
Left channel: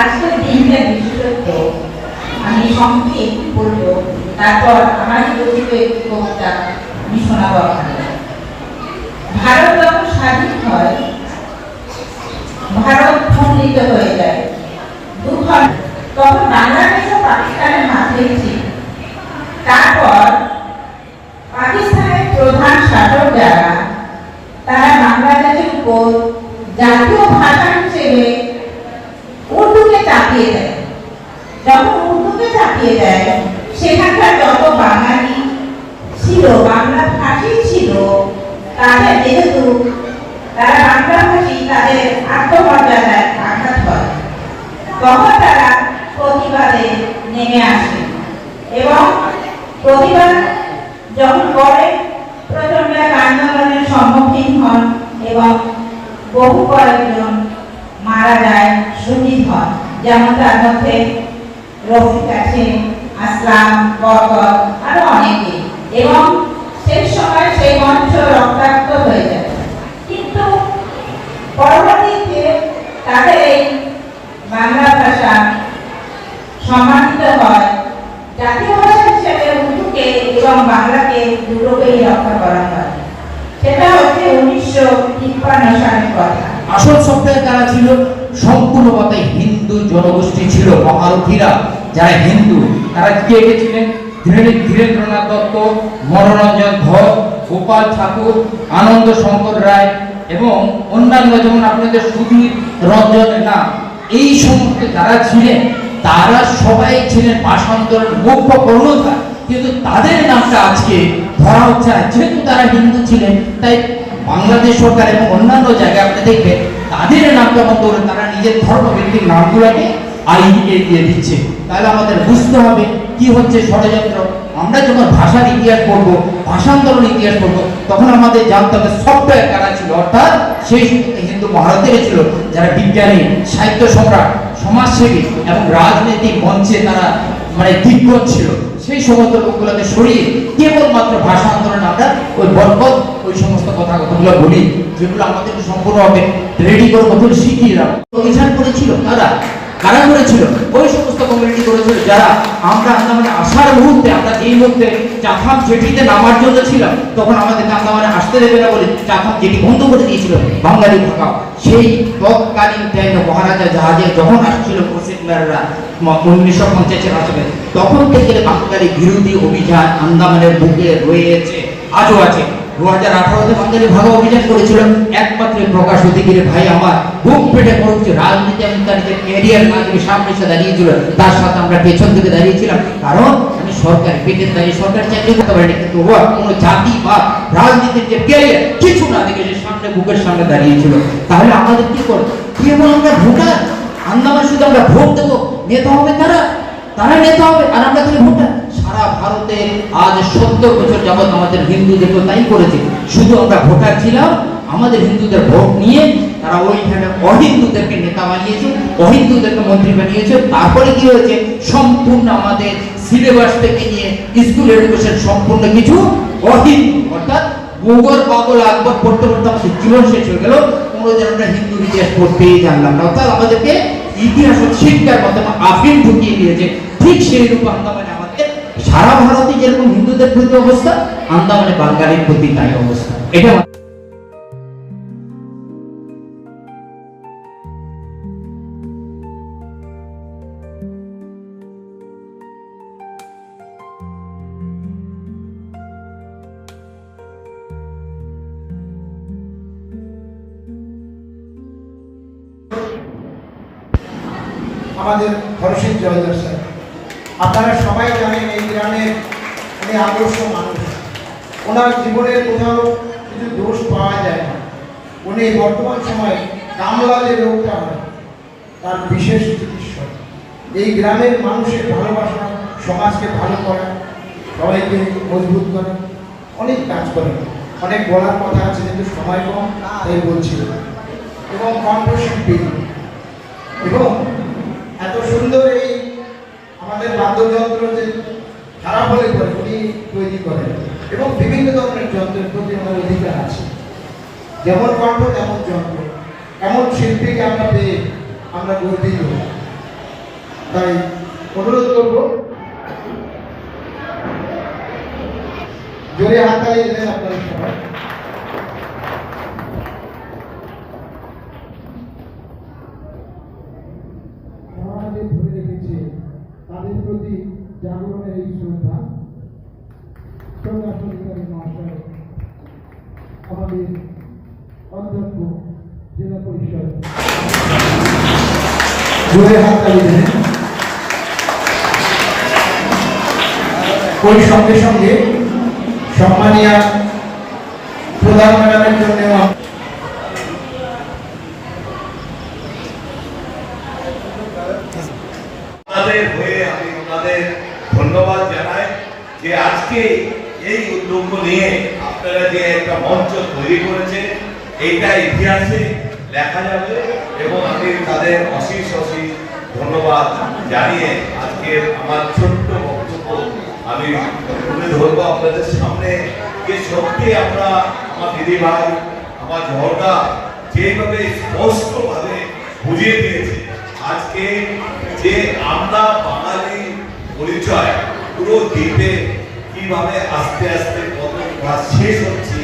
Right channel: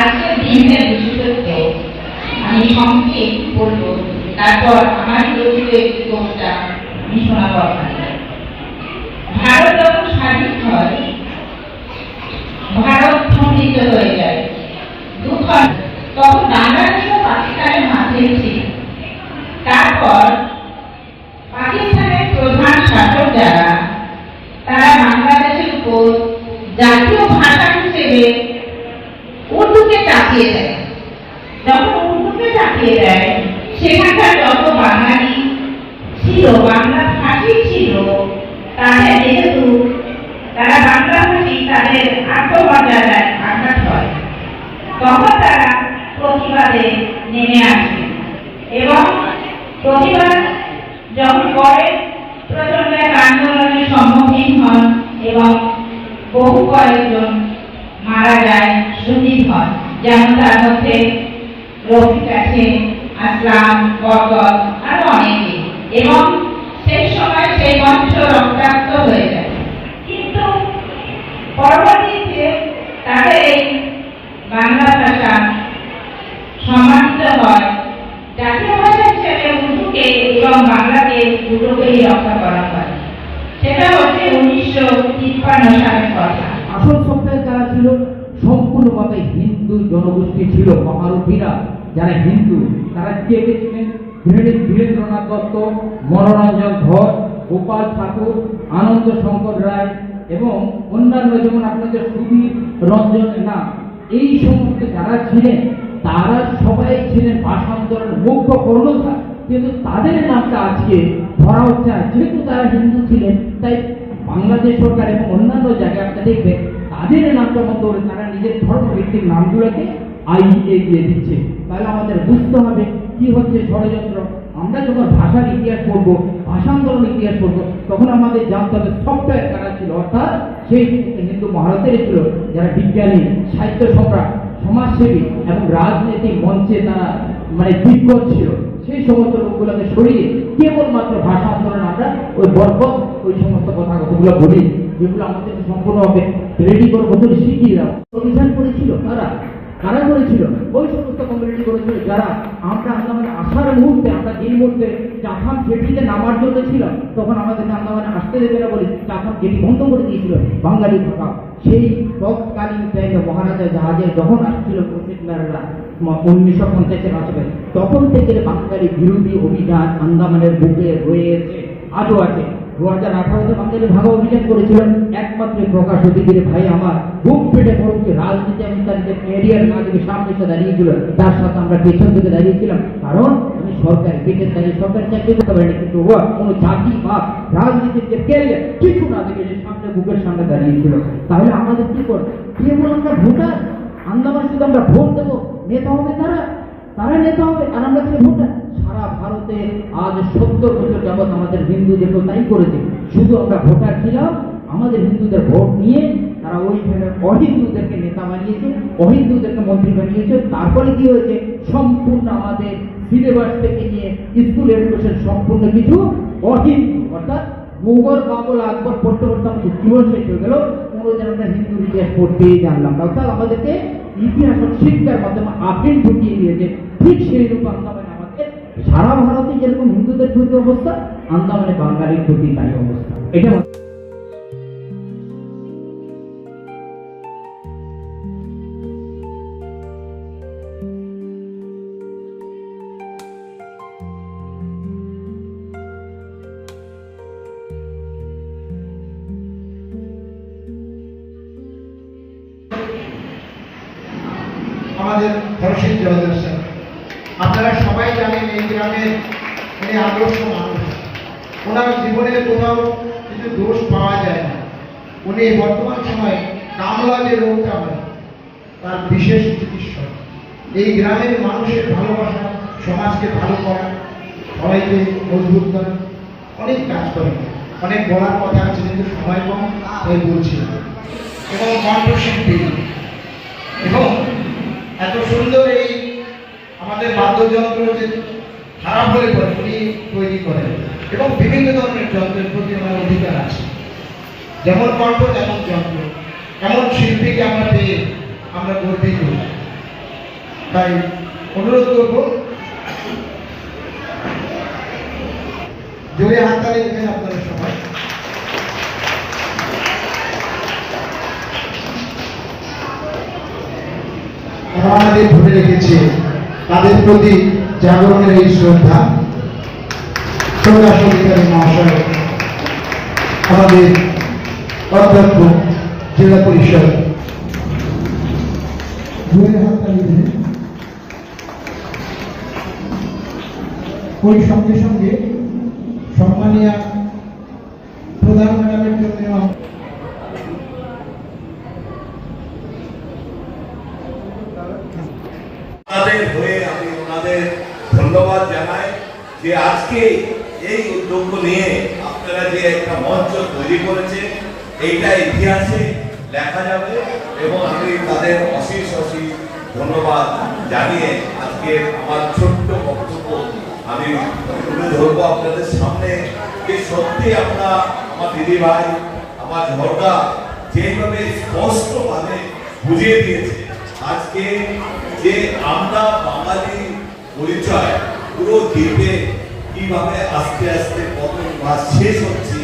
আজকের দিনটার বিশেষত্ব আমি সংক্ষেপ বলব, তারপর আমার রচিত একটি কবিতা আমি শোনাবো আপনাদের। ভারত যখন স্বাধীন হয়, ভারত খণ্ডিত হয়ে যায়, দুখণ্ড, তখন বাংলাদেশ ও পাকিস্তানের মাঝে ছিল। তারপর পাকিস্তানের প্রধান শাসক যারা, তারা বাংলাদেশের উপর জাতীয় ভাষা হিসেবে উর্দুকে চাপিয়ে দেয়। যখন উর্দুকে চাপিয়ে দেয়, সেখানকার যত বাঙালি ছিল, বাংলা ভাষী ছিল, তাদের যেহেতু তারা বাংলা ভাষী, তাদের আত্মমর্যাদায় আঘাত হয়। তখন তারা প্রতিবাদে নেমে আসে এবং প্রতিবাদ যখন করে প্রচন্ড এক আন্দোলনের সম্মুখীন হন এবং বহু কয়েকজন মারা যায়, শহীদ হয়। যেমন তার মধ্যে রফিক আছে, আসলাম, বরকত, আরো অনেকে। এবং সেই সময় সেই মঞ্চ রক্তাক্ত হয়ে যায়। কিন্তু পরবর্তীতে তাদের এই বাংলা ভাষা সম্মানিত হয়। জাতীয় ভাষা হিসেবে উর্দুকে এবং বাংলাকে দুটোকেই রক্ষা করা হয়। সেটা হচ্ছে 1953 সালের কথা। আসল সপ্তাহে তারা ছিল সম্পূর্ণভাবে হিন্দু জনগোষ্ঠী ছিল। মহারথীরা যারা হিন্দু, তারা কে কে ছিলেন? ধীরেন্দ্রনাথ দত্ত, মনোরঞ্জন ধর, গোপাল ঠাকুর, আনন্দ শঙ্কর রায় এবং অন্যান্য, যেমন আপনাদের সুধীর রঞ্জন না, এই সমস্ত যারা ছিলেন, তারা সবাই ছিলেন ভাষান্তরের মুখ্য কর্ণধার। কিন্তু তাদের নামটা আজকে ধরা হচ্ছে না। যেহেতু তারা হিন্দু ছিলেন, তাই বাংলাদেশ সরকার এবং অন্যান্য জায়গায় আপনি দেখবেন তাদের নামটা মতো তারা নিজের ধর্মভিত্তিক নামগুলোকে আইডিকে দিয়ে দিচ্ছে। তাহলে আমাদের বুঝতে হবে কি হচ্ছে ষড়যন্ত্র। আমরা যখন ভাষার ইতিহাস পড়বো, ভাষান্তরণ ইতিহাস পড়বো, তখন আমাদের জানতে হবে সফটওয়্যার কারা ছিল, অর্থাৎ সেই হিন্দু মহারথীরা ছিল যারা বিজ্ঞানী, সাহিত্য সম্রাট, সমাজসেবী এবং রাজনৈতিক মঞ্চে তারা দিগ্গজ ছিল। সেই সমস্ত লোকগুলোকে সরিয়ে কেবলমাত্র ভাষা আন্দোলন আমরা ওই বরকত ওই সমস্ত কথাগুলো বলি, যেগুলো আমাদেরকে সম্পূর্ণভাবে রেডি করে নতুন শিখিয়ে দাও। অভিযান করেছিল কারা করেছিল? ওই সমস্ত কমিউনিটি করেছিল যারা আমরা আন্দামানে আসার মুহূর্তে, আমরা এই মুহূর্তে চাথাম জেটিতে নামার জন্য ছিলাম, তখন আমাদেরকে আন্দামানে আসতে দেবে না বলে চাথাম জেটি বন্ধ করে দিয়েছিল বাঙালি থাকা। সেই তৎকালীন মহারাজা জাহাজে যখন আসছিল মুসলিমরা 1950-এর দশকে, তখন থেকে বাঙালি বিরোধী অভিযান আন্দামানের বুকে রয়েছে, আজও আছে। 2018-তে বাঙালি ভাগা অভিযান করেছিল, একমাত্র প্রকাশ অধিকারী ভাই আমার বুক পেটে পড়ছে। রাজনীতি আমি তার নিজের ক্যারিয়ার না থেকে সামনে এসে দাঁড়িয়েছিল, তার সাথে আমরা পেছন থেকে দাঁড়িয়েছিলাম, কারণ আমি সরকারি পেটের দাঁড়িয়ে সরকারি চাকরি করতে পারিনি। কিন্তু ও কোনো জাতি বা রাজনীতির যে ক্যারিয়ার কিছু না দেখে সে সামনে বুকের সামনে দাঁড়িয়েছিল। তাহলে আমাদের কি করবো? কেবল আমরা ভোটার, আন্দামান শুধু আমরা ভোট দেবো, নেতা হবে তারা নেতা হবে, আর আমরা তাহলে ভোটার। সারা ভারতে আজ 70 বছর যাবৎ আমাদের হিন্দুদের তো তাই করেছে, শুধু আমরা ভোটার ছিলাম। আমাদের হিন্দুদের ভোট নিয়ে তারা ওইখানে অহিন্দুদেরকে নেতা বানিয়েছে, অহিন্দুদেরকে মন্ত্রী বানিয়েছে। তারপরে কি হয়েছে? সম্পূর্ণ আমাদের সিলেবাস থেকে নিয়ে স্কুল এডুকেশন সম্পূর্ণ কিছু অহিন্দু, অর্থাৎ মুঘল মোগল আকবর পড়তে পড়তে আমাদের জীবন শেষ হয়ে গেল, কোনোদিন আমরা হিন্দু ইতিহাস পড়তেই জানলাম না। অর্থাৎ আমাদেরকে ইতিহাস শিক্ষার মাধ্যমে আফিম ঢুকিয়ে দিয়েছে। ঠিক সেই রূপ আন্দামানে আমাদের সারা ভারতে যেরকম হিন্দুদের প্রতি অবস্থা, আন্দামানে বাঙালির প্রতি তাই অবস্থা। এটা আমাদের হরসিদ জয়দার স্যার, আপনারা সবাই জানেন এই গ্রামের উনি আদর্শ মানুষ। ওনার জীবনে কোথাও কিছু দোষ পাওয়া যায় না। উনি বর্তমান সময়ে কামলা যে রোগটা হয় তার বিশেষ চিকিৎসক। এই গ্রামের মানুষের ভালোবাসা, সমাজকে ভালো করা, সবাইকে মজবুত করা, অনেক কাজ করেন। অনেক বলার কথা আছে কিন্তু সময় কম, তাই বলছি। এবং কণ্ঠশিল্পী, এবং এত সুন্দর এই আমাদের বাদ্যযন্ত্র যে খারাপ হলে পরে উনি তৈরি করেন, এবং বিভিন্ন ধরনের যন্ত্রের প্রতি আমার অধিকার আছে। যেমন কণ্ঠ তেমন যন্ত্র, এমন শিল্পীকে আমরা পেয়ে আমরা গর্বিত। তাই অনুরোধ করব, জোরে হাততালি দেবেন আপনারা সবাই। আমাদের ধরে রেখেছে তাদের প্রতি জাগরণের এই শ্রদ্ধা। প্রকাশ অধিকারী মহাশয়, আমাদের অধ্যক্ষ জেলা পরিষদ, জোরে হাততালি দেন। ওই সঙ্গে সঙ্গে সম্মানীয় প্রধান ম্যাডামের জন্য ওনাদের হয়ে আমি ওনাদের ধন্যবাদ জানাই যে আজকে এই উদ্যোগ নিয়ে আপনারা যে একটা মঞ্চ তৈরি করেছে, এইটা ইতিহাসে লেখা যাবে। এবং আমি তাদের অশেষ অশেষ ধন্যবাদ জানিয়ে আজকে আমার ছোট্ট বক্তব্য আমি তুলে ধরবো আপনাদের সামনে। যে সত্যি আমরা আমার দিদি ভাই, আমার ঝর্ণা যেভাবে স্পষ্টভাবে বুঝিয়ে দিয়েছে আজকে যে আমরা বাঙালি পরিচয় পুরো দ্বীপে কিভাবে আস্তে আস্তে পতন বা শেষ হচ্ছে,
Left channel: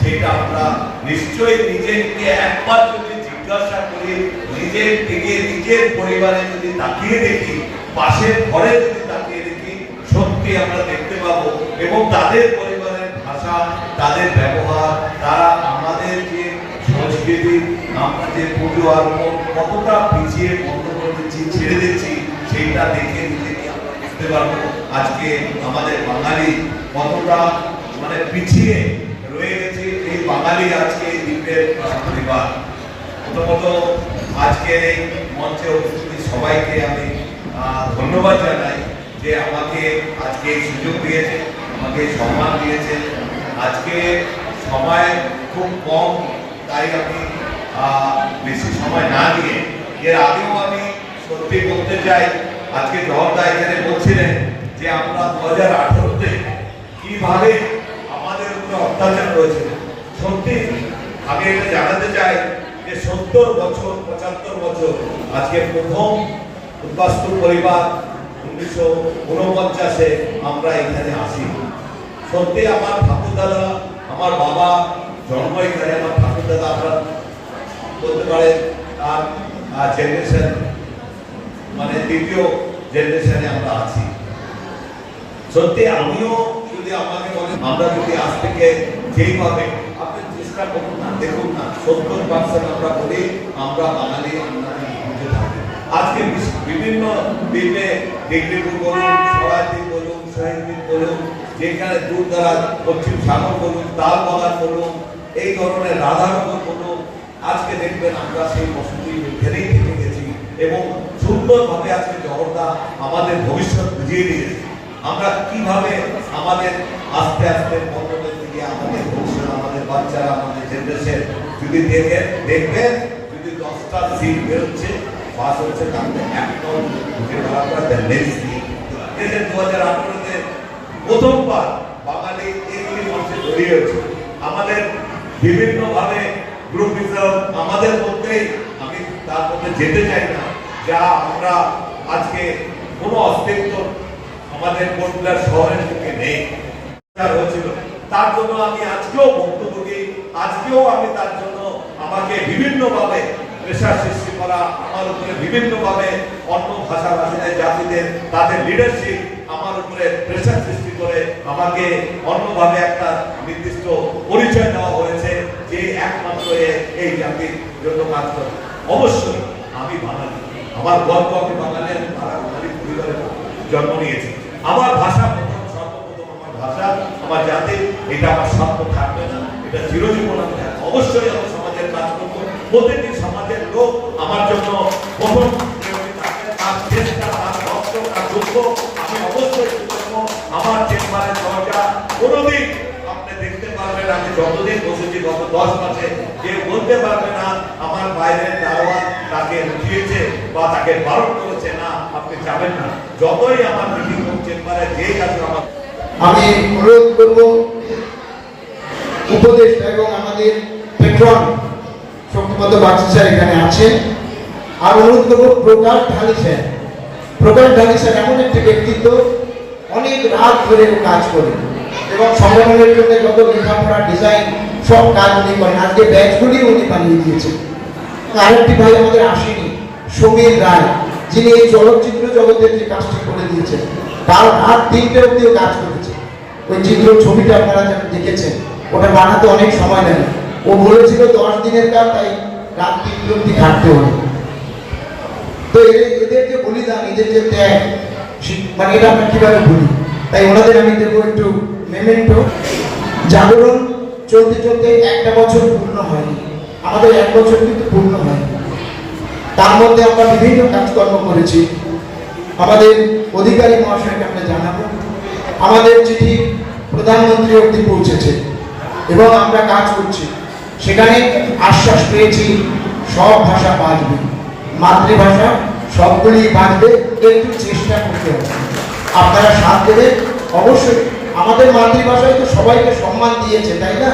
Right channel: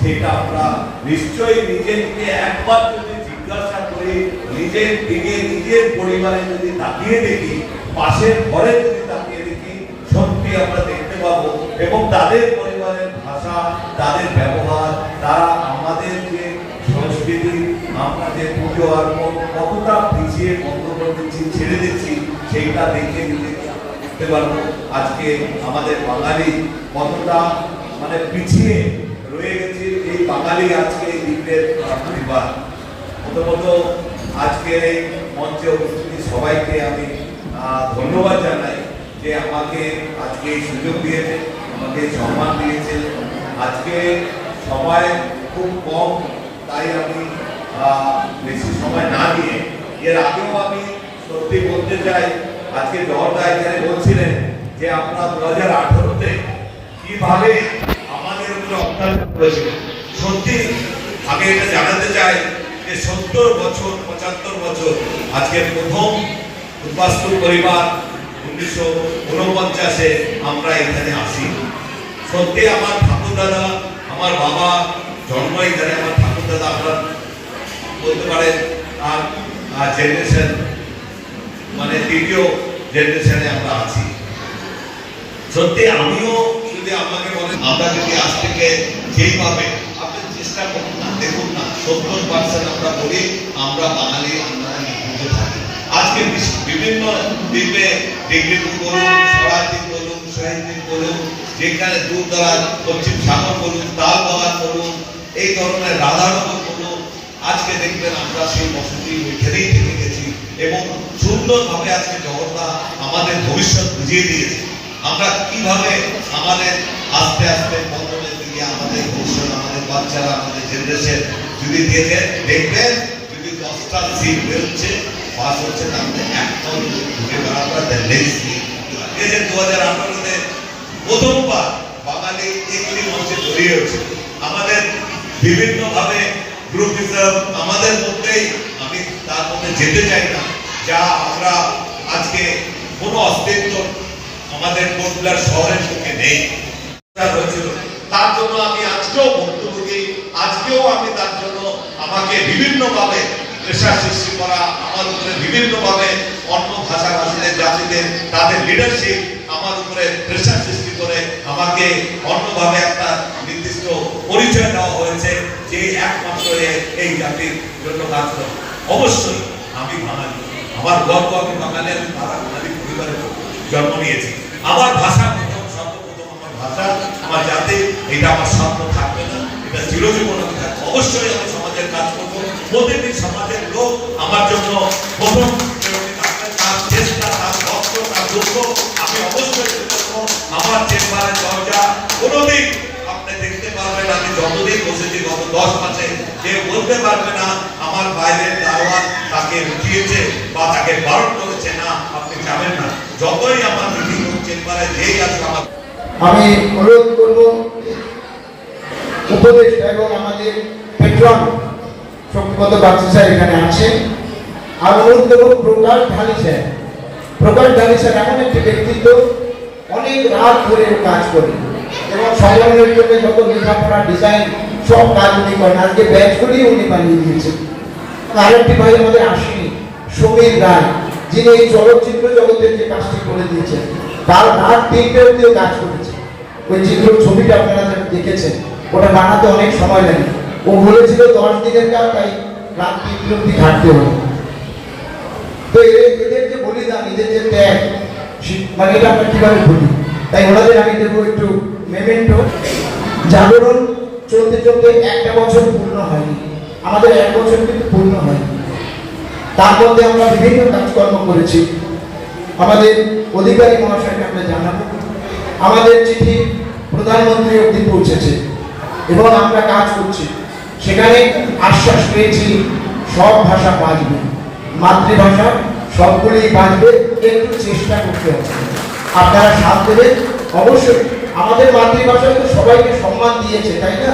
সেটা আমরা নিশ্চয়ই নিজেকে একবার যদি জিজ্ঞাসা করি, নিজের দিকে নিজের পরিবারে যদি তাকিয়ে দেখি, পাশের ঘরে যদি তাকিয়ে দেখি, সত্যি আমরা দেখতে পাবো। এবং তাদের পরিবারের ভাষা, তাদের ব্যবহার, তারা আমাদের যে সংস্কৃতি, আমরা যে পুজো আর কতটা পিছিয়ে বন্ধ করে দিচ্ছি, ছেড়ে দিচ্ছি, সেইটা দেখে নিজেকে আমরা বুঝতে পারবো আজকে আমাদের বাঙালি কতটা মানে পিছিয়ে রয়ে গেছে। এই বাঙালি আজকে এই দ্বীপের পরিবার। প্রথমত আজকের এই মঞ্চে উপস্থিত সবাইকে আমি ধন্যবাদ জানাই যে আমাকে আজকে এই সুযোগ দিয়েছে, আমাকে সম্মান দিয়েছে। আজকে সময় খুব কম, তাই আমি বেশি সময় না দিয়ে এর আগেও আমি সত্যি বলতে চাই, আজকে জহরদা এখানে বলছিলেন যে আমরা 2018-তে কিভাবে আমাদের উপরে অত্যাচার করেছিল। সত্যি আগে এটা জানাতে চাই যে 70 বছর 75 বছর আজকে প্রথম উদ্বাস্তু পরিবার 1949-এ আমরা এখানে আসি। সত্যি আমার ঠাকুর দাদা, আমার বাবা জন্ম এখানে, আমার ঠাকুর দাদা আমরা বলতে পারেন আর জেনারেশন মানে তৃতীয় জেনারেশনে আমরা আছি। সত্যি আমিও যদি আমাকে বলেন, আমরা যদি আজ থেকে যেইভাবে আপনি চেষ্টা করুন না, দেখুন না 70% আমরা বলি আমরা বাঙালি, আমরা বুঝে থাকি। আজকে বিভিন্ন দ্বীপে ডিগ্রিপুর বলুন, সরাইদ্বীপ বলুন, শাহীদ্বীপ বলুন, যেখানে দূর দরাজ পশ্চিম সাগর বলুন, তাল বাগান বলুন, এই ধরনের রাধানগর বলুন, আজকে দেখবেন আমরা সেই বসতি এখানেই থেকে গেছি। এবং সুন্দরভাবে আজকে জগন্নাথ আমাদের ভবিষ্যৎ বুঝিয়ে দিয়েছে। আমরা কিভাবে আমাদের আস্তে আস্তে বদলের দিকে আমাদের ভবিষ্যৎ, আমাদের বাচ্চারা, আমাদের জেনারেশন যদি দেখবেন যদি 10টা সিট বেরোচ্ছে, পাস হচ্ছে, তাহলে একটাও ঘুরে বেড়াতে এই যে 2018-তে প্রথমবার বাঙালি এগুলি মঞ্চে জড়িয়ে হচ্ছে। আমাদের বিভিন্নভাবে গ্রুপিজম আমাদের মধ্যেই, আমি তার মধ্যে যেতে চাই না, যা আমরা আজকে কোনো অস্তিত্ব আমাদের কোটব্লার শহরের মুখে নেই হয়েছিল। তার জন্য আমি আজকেও ভুক্তভোগী, আজকেও আমি তার জন্য আমাকে বিভিন্নভাবে প্রেশার সৃষ্টি করা, আমার উপরে বিভিন্নভাবে অন্য ভাষাভাষীদের জাতিদের তাদের লিডারশিপ আমার উপরে প্রেশার সৃষ্টি করে আমাকে অন্যভাবে একটা নির্দিষ্ট পরিচয় দেওয়া হয়েছে যে একমাত্র এই জাতির জন্য কাজ করে। অবশ্যই আমি বাঙালি, আমার গর্ব, আমি বাঙালি, আমি বাঙালি পরিবারে জন্ম নিয়েছি। আমার ভাষা সর্বপ্রথম আমার ভাষা, আমার জাতি, এটা আমার স্বপ্ন থাকবে না, এটা চিরজীবন আমি থাকবে। অবশ্যই আমি সমাজের কাজ করবো, প্রতিদিন সমাজের লোক আমার জন্য প্রথম তার চেষ্টা, তার রক্ত, তার দুঃখ আমি অবশ্যই করবো। আমার চেম্বারের দরজা কোনোদিন আপনি দেখতে পারবেন, আমি যতদিন বসেছি গত 10 মাসে, কেউ বলতে পারবে না আমার বাইরের দাওয়াত তাকে উঠিয়েছে বা তাকে বারণ করেছে না আপনি যাবেন না। যতই আমার মিটিং চেম্বারে যেই আছে আমার, আমি অনুরোধ করব উপদেষ্টা এবং আমাদের পেট্রন শক্তিপদ বাগচি স্যার এখানে আছে, আর অনুরোধ করব প্রকাশ ঢালি স্যার। প্রকাশ ঢালি স্যার এমন একটি ব্যক্তিত্ব, অনেক রাত ধরে কাজ করে এবং সংগঠনের জন্য যত লেখাপড়া ডিজাইন সব কাজ উনি করেন। আজকে ব্যাচগুলি উনি বানিয়ে দিয়েছেন। আরেকটি ভাই আমাদের আসেনি, সমীর রায়, যিনি এই চলচ্চিত্র জগতের যে কাজটি করে দিয়েছেন, তার রাত 3টে অবধিও কাজ করেছে। ওই চিত্র ছবিটা আপনারা দেখেছেন, ওটা বানাতে অনেক সময় লাগে। ও বলেছিল 10 দিনের কাজ, তাই রাত 3টে অবধি থাকতে হবে। তো এদের যে বলিদান, এদের যে ত্যাগ, মানে এটা আমরা কিভাবে বলি, তাই ওনাদের আমি দেবো একটু মেমেন্টো। জাগরণ চলতে চলতে 1টা বছর পূর্ণ হয়নি, আমাদের 1 বছর কিন্তু পূর্ণ হয়নি। তার মধ্যে আমরা বিভিন্ন কাজকর্ম করেছি। আমাদের অধিকারী মহাশয়কে আমরা জানাবো, আমাদের চিঠি প্রধানমন্ত্রী অবধি পৌঁছেছে এবং আমরা কাজ করছি। সেখানে আশ্বাস পেয়েছি সব ভাষা বাঁচবে, মাতৃভাষা সবগুলি বাঁচবে, একটু চেষ্টা করতে হবে। আপনারা সাথ দেবেন অবশ্যই। আমাদের মাতৃভাষায় তো সবাইকে সম্মান দিয়েছে, তাই না?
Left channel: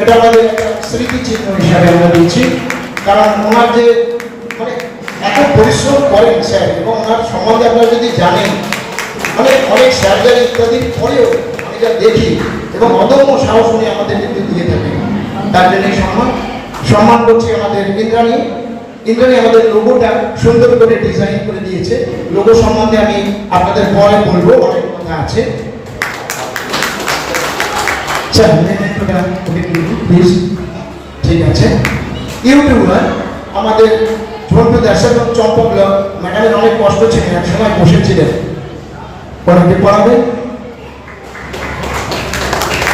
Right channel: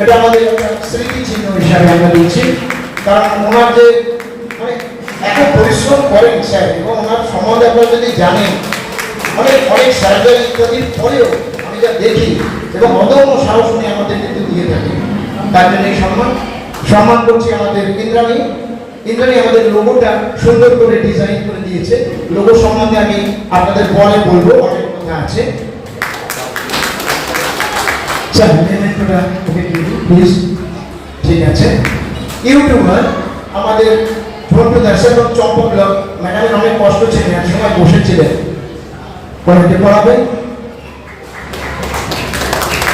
এটা আমাদের একটা স্মৃতিচিহ্ন হিসাবে আমরা দিচ্ছি, কারণ ওনার যে মানে এত পরিশ্রম করেন স্যার, এবং ওনার সম্বন্ধে আপনারা যদি জানেন, মানে অনেক সার্জারি ইত্যাদির পরেও আমি যা দেখি, এবং অদম্য সাহস উনি আমাদের কিন্তু দিয়ে থাকেন। তার জন্য সম্মান করছি আমাদের ইন্দ্রাণী। ইন্দ্রাণী আমাদের লোগোটা সুন্দর করে ডিজাইন করে দিয়েছে। লোগো সম্বন্ধে আমি আপনাদের পরে বলবো, অনেক কথা আছে। প্লিজ, ঠিক আছে। ইউটিউবার আমাদের ঝন্টু দাস এবং চম্পক ম্যাডামের অনেক কষ্ট ছিল, এক সময় বসেছিলেন, অনেকে পড়াবেন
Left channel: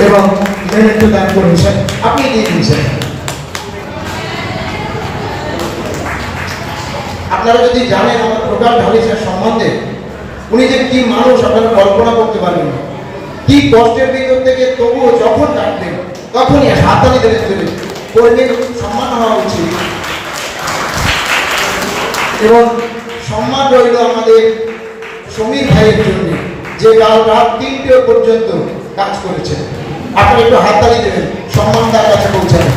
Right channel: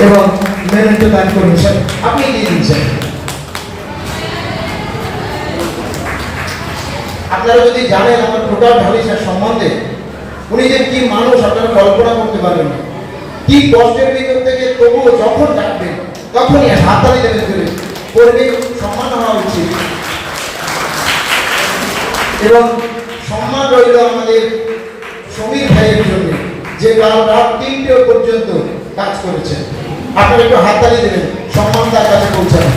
এবং মেমেন্টো দান করুন স্যার, আপনি দিয়ে দিন স্যার। আপনারা যদি জানেন আমার প্রকাশ ঢালি স্যার সম্বন্ধে, উনি যে কি মানুষ আপনারা কল্পনা করতে পারবেন না। কি কষ্টের ভিতর থেকে তবুও যখন ডাকবেন তখনই হাততালি দেবেন, করে কর্মীর সম্মান হওয়া উচিত। এবং সম্মান রইল আমাদের সমীর ভাইয়ের জন্য, যে কাল রাত 3টে পর্যন্ত কাজ করেছে। আপনারা একটু হাততালি দেবেন, সম্মান তার কাছে পৌঁছাবে।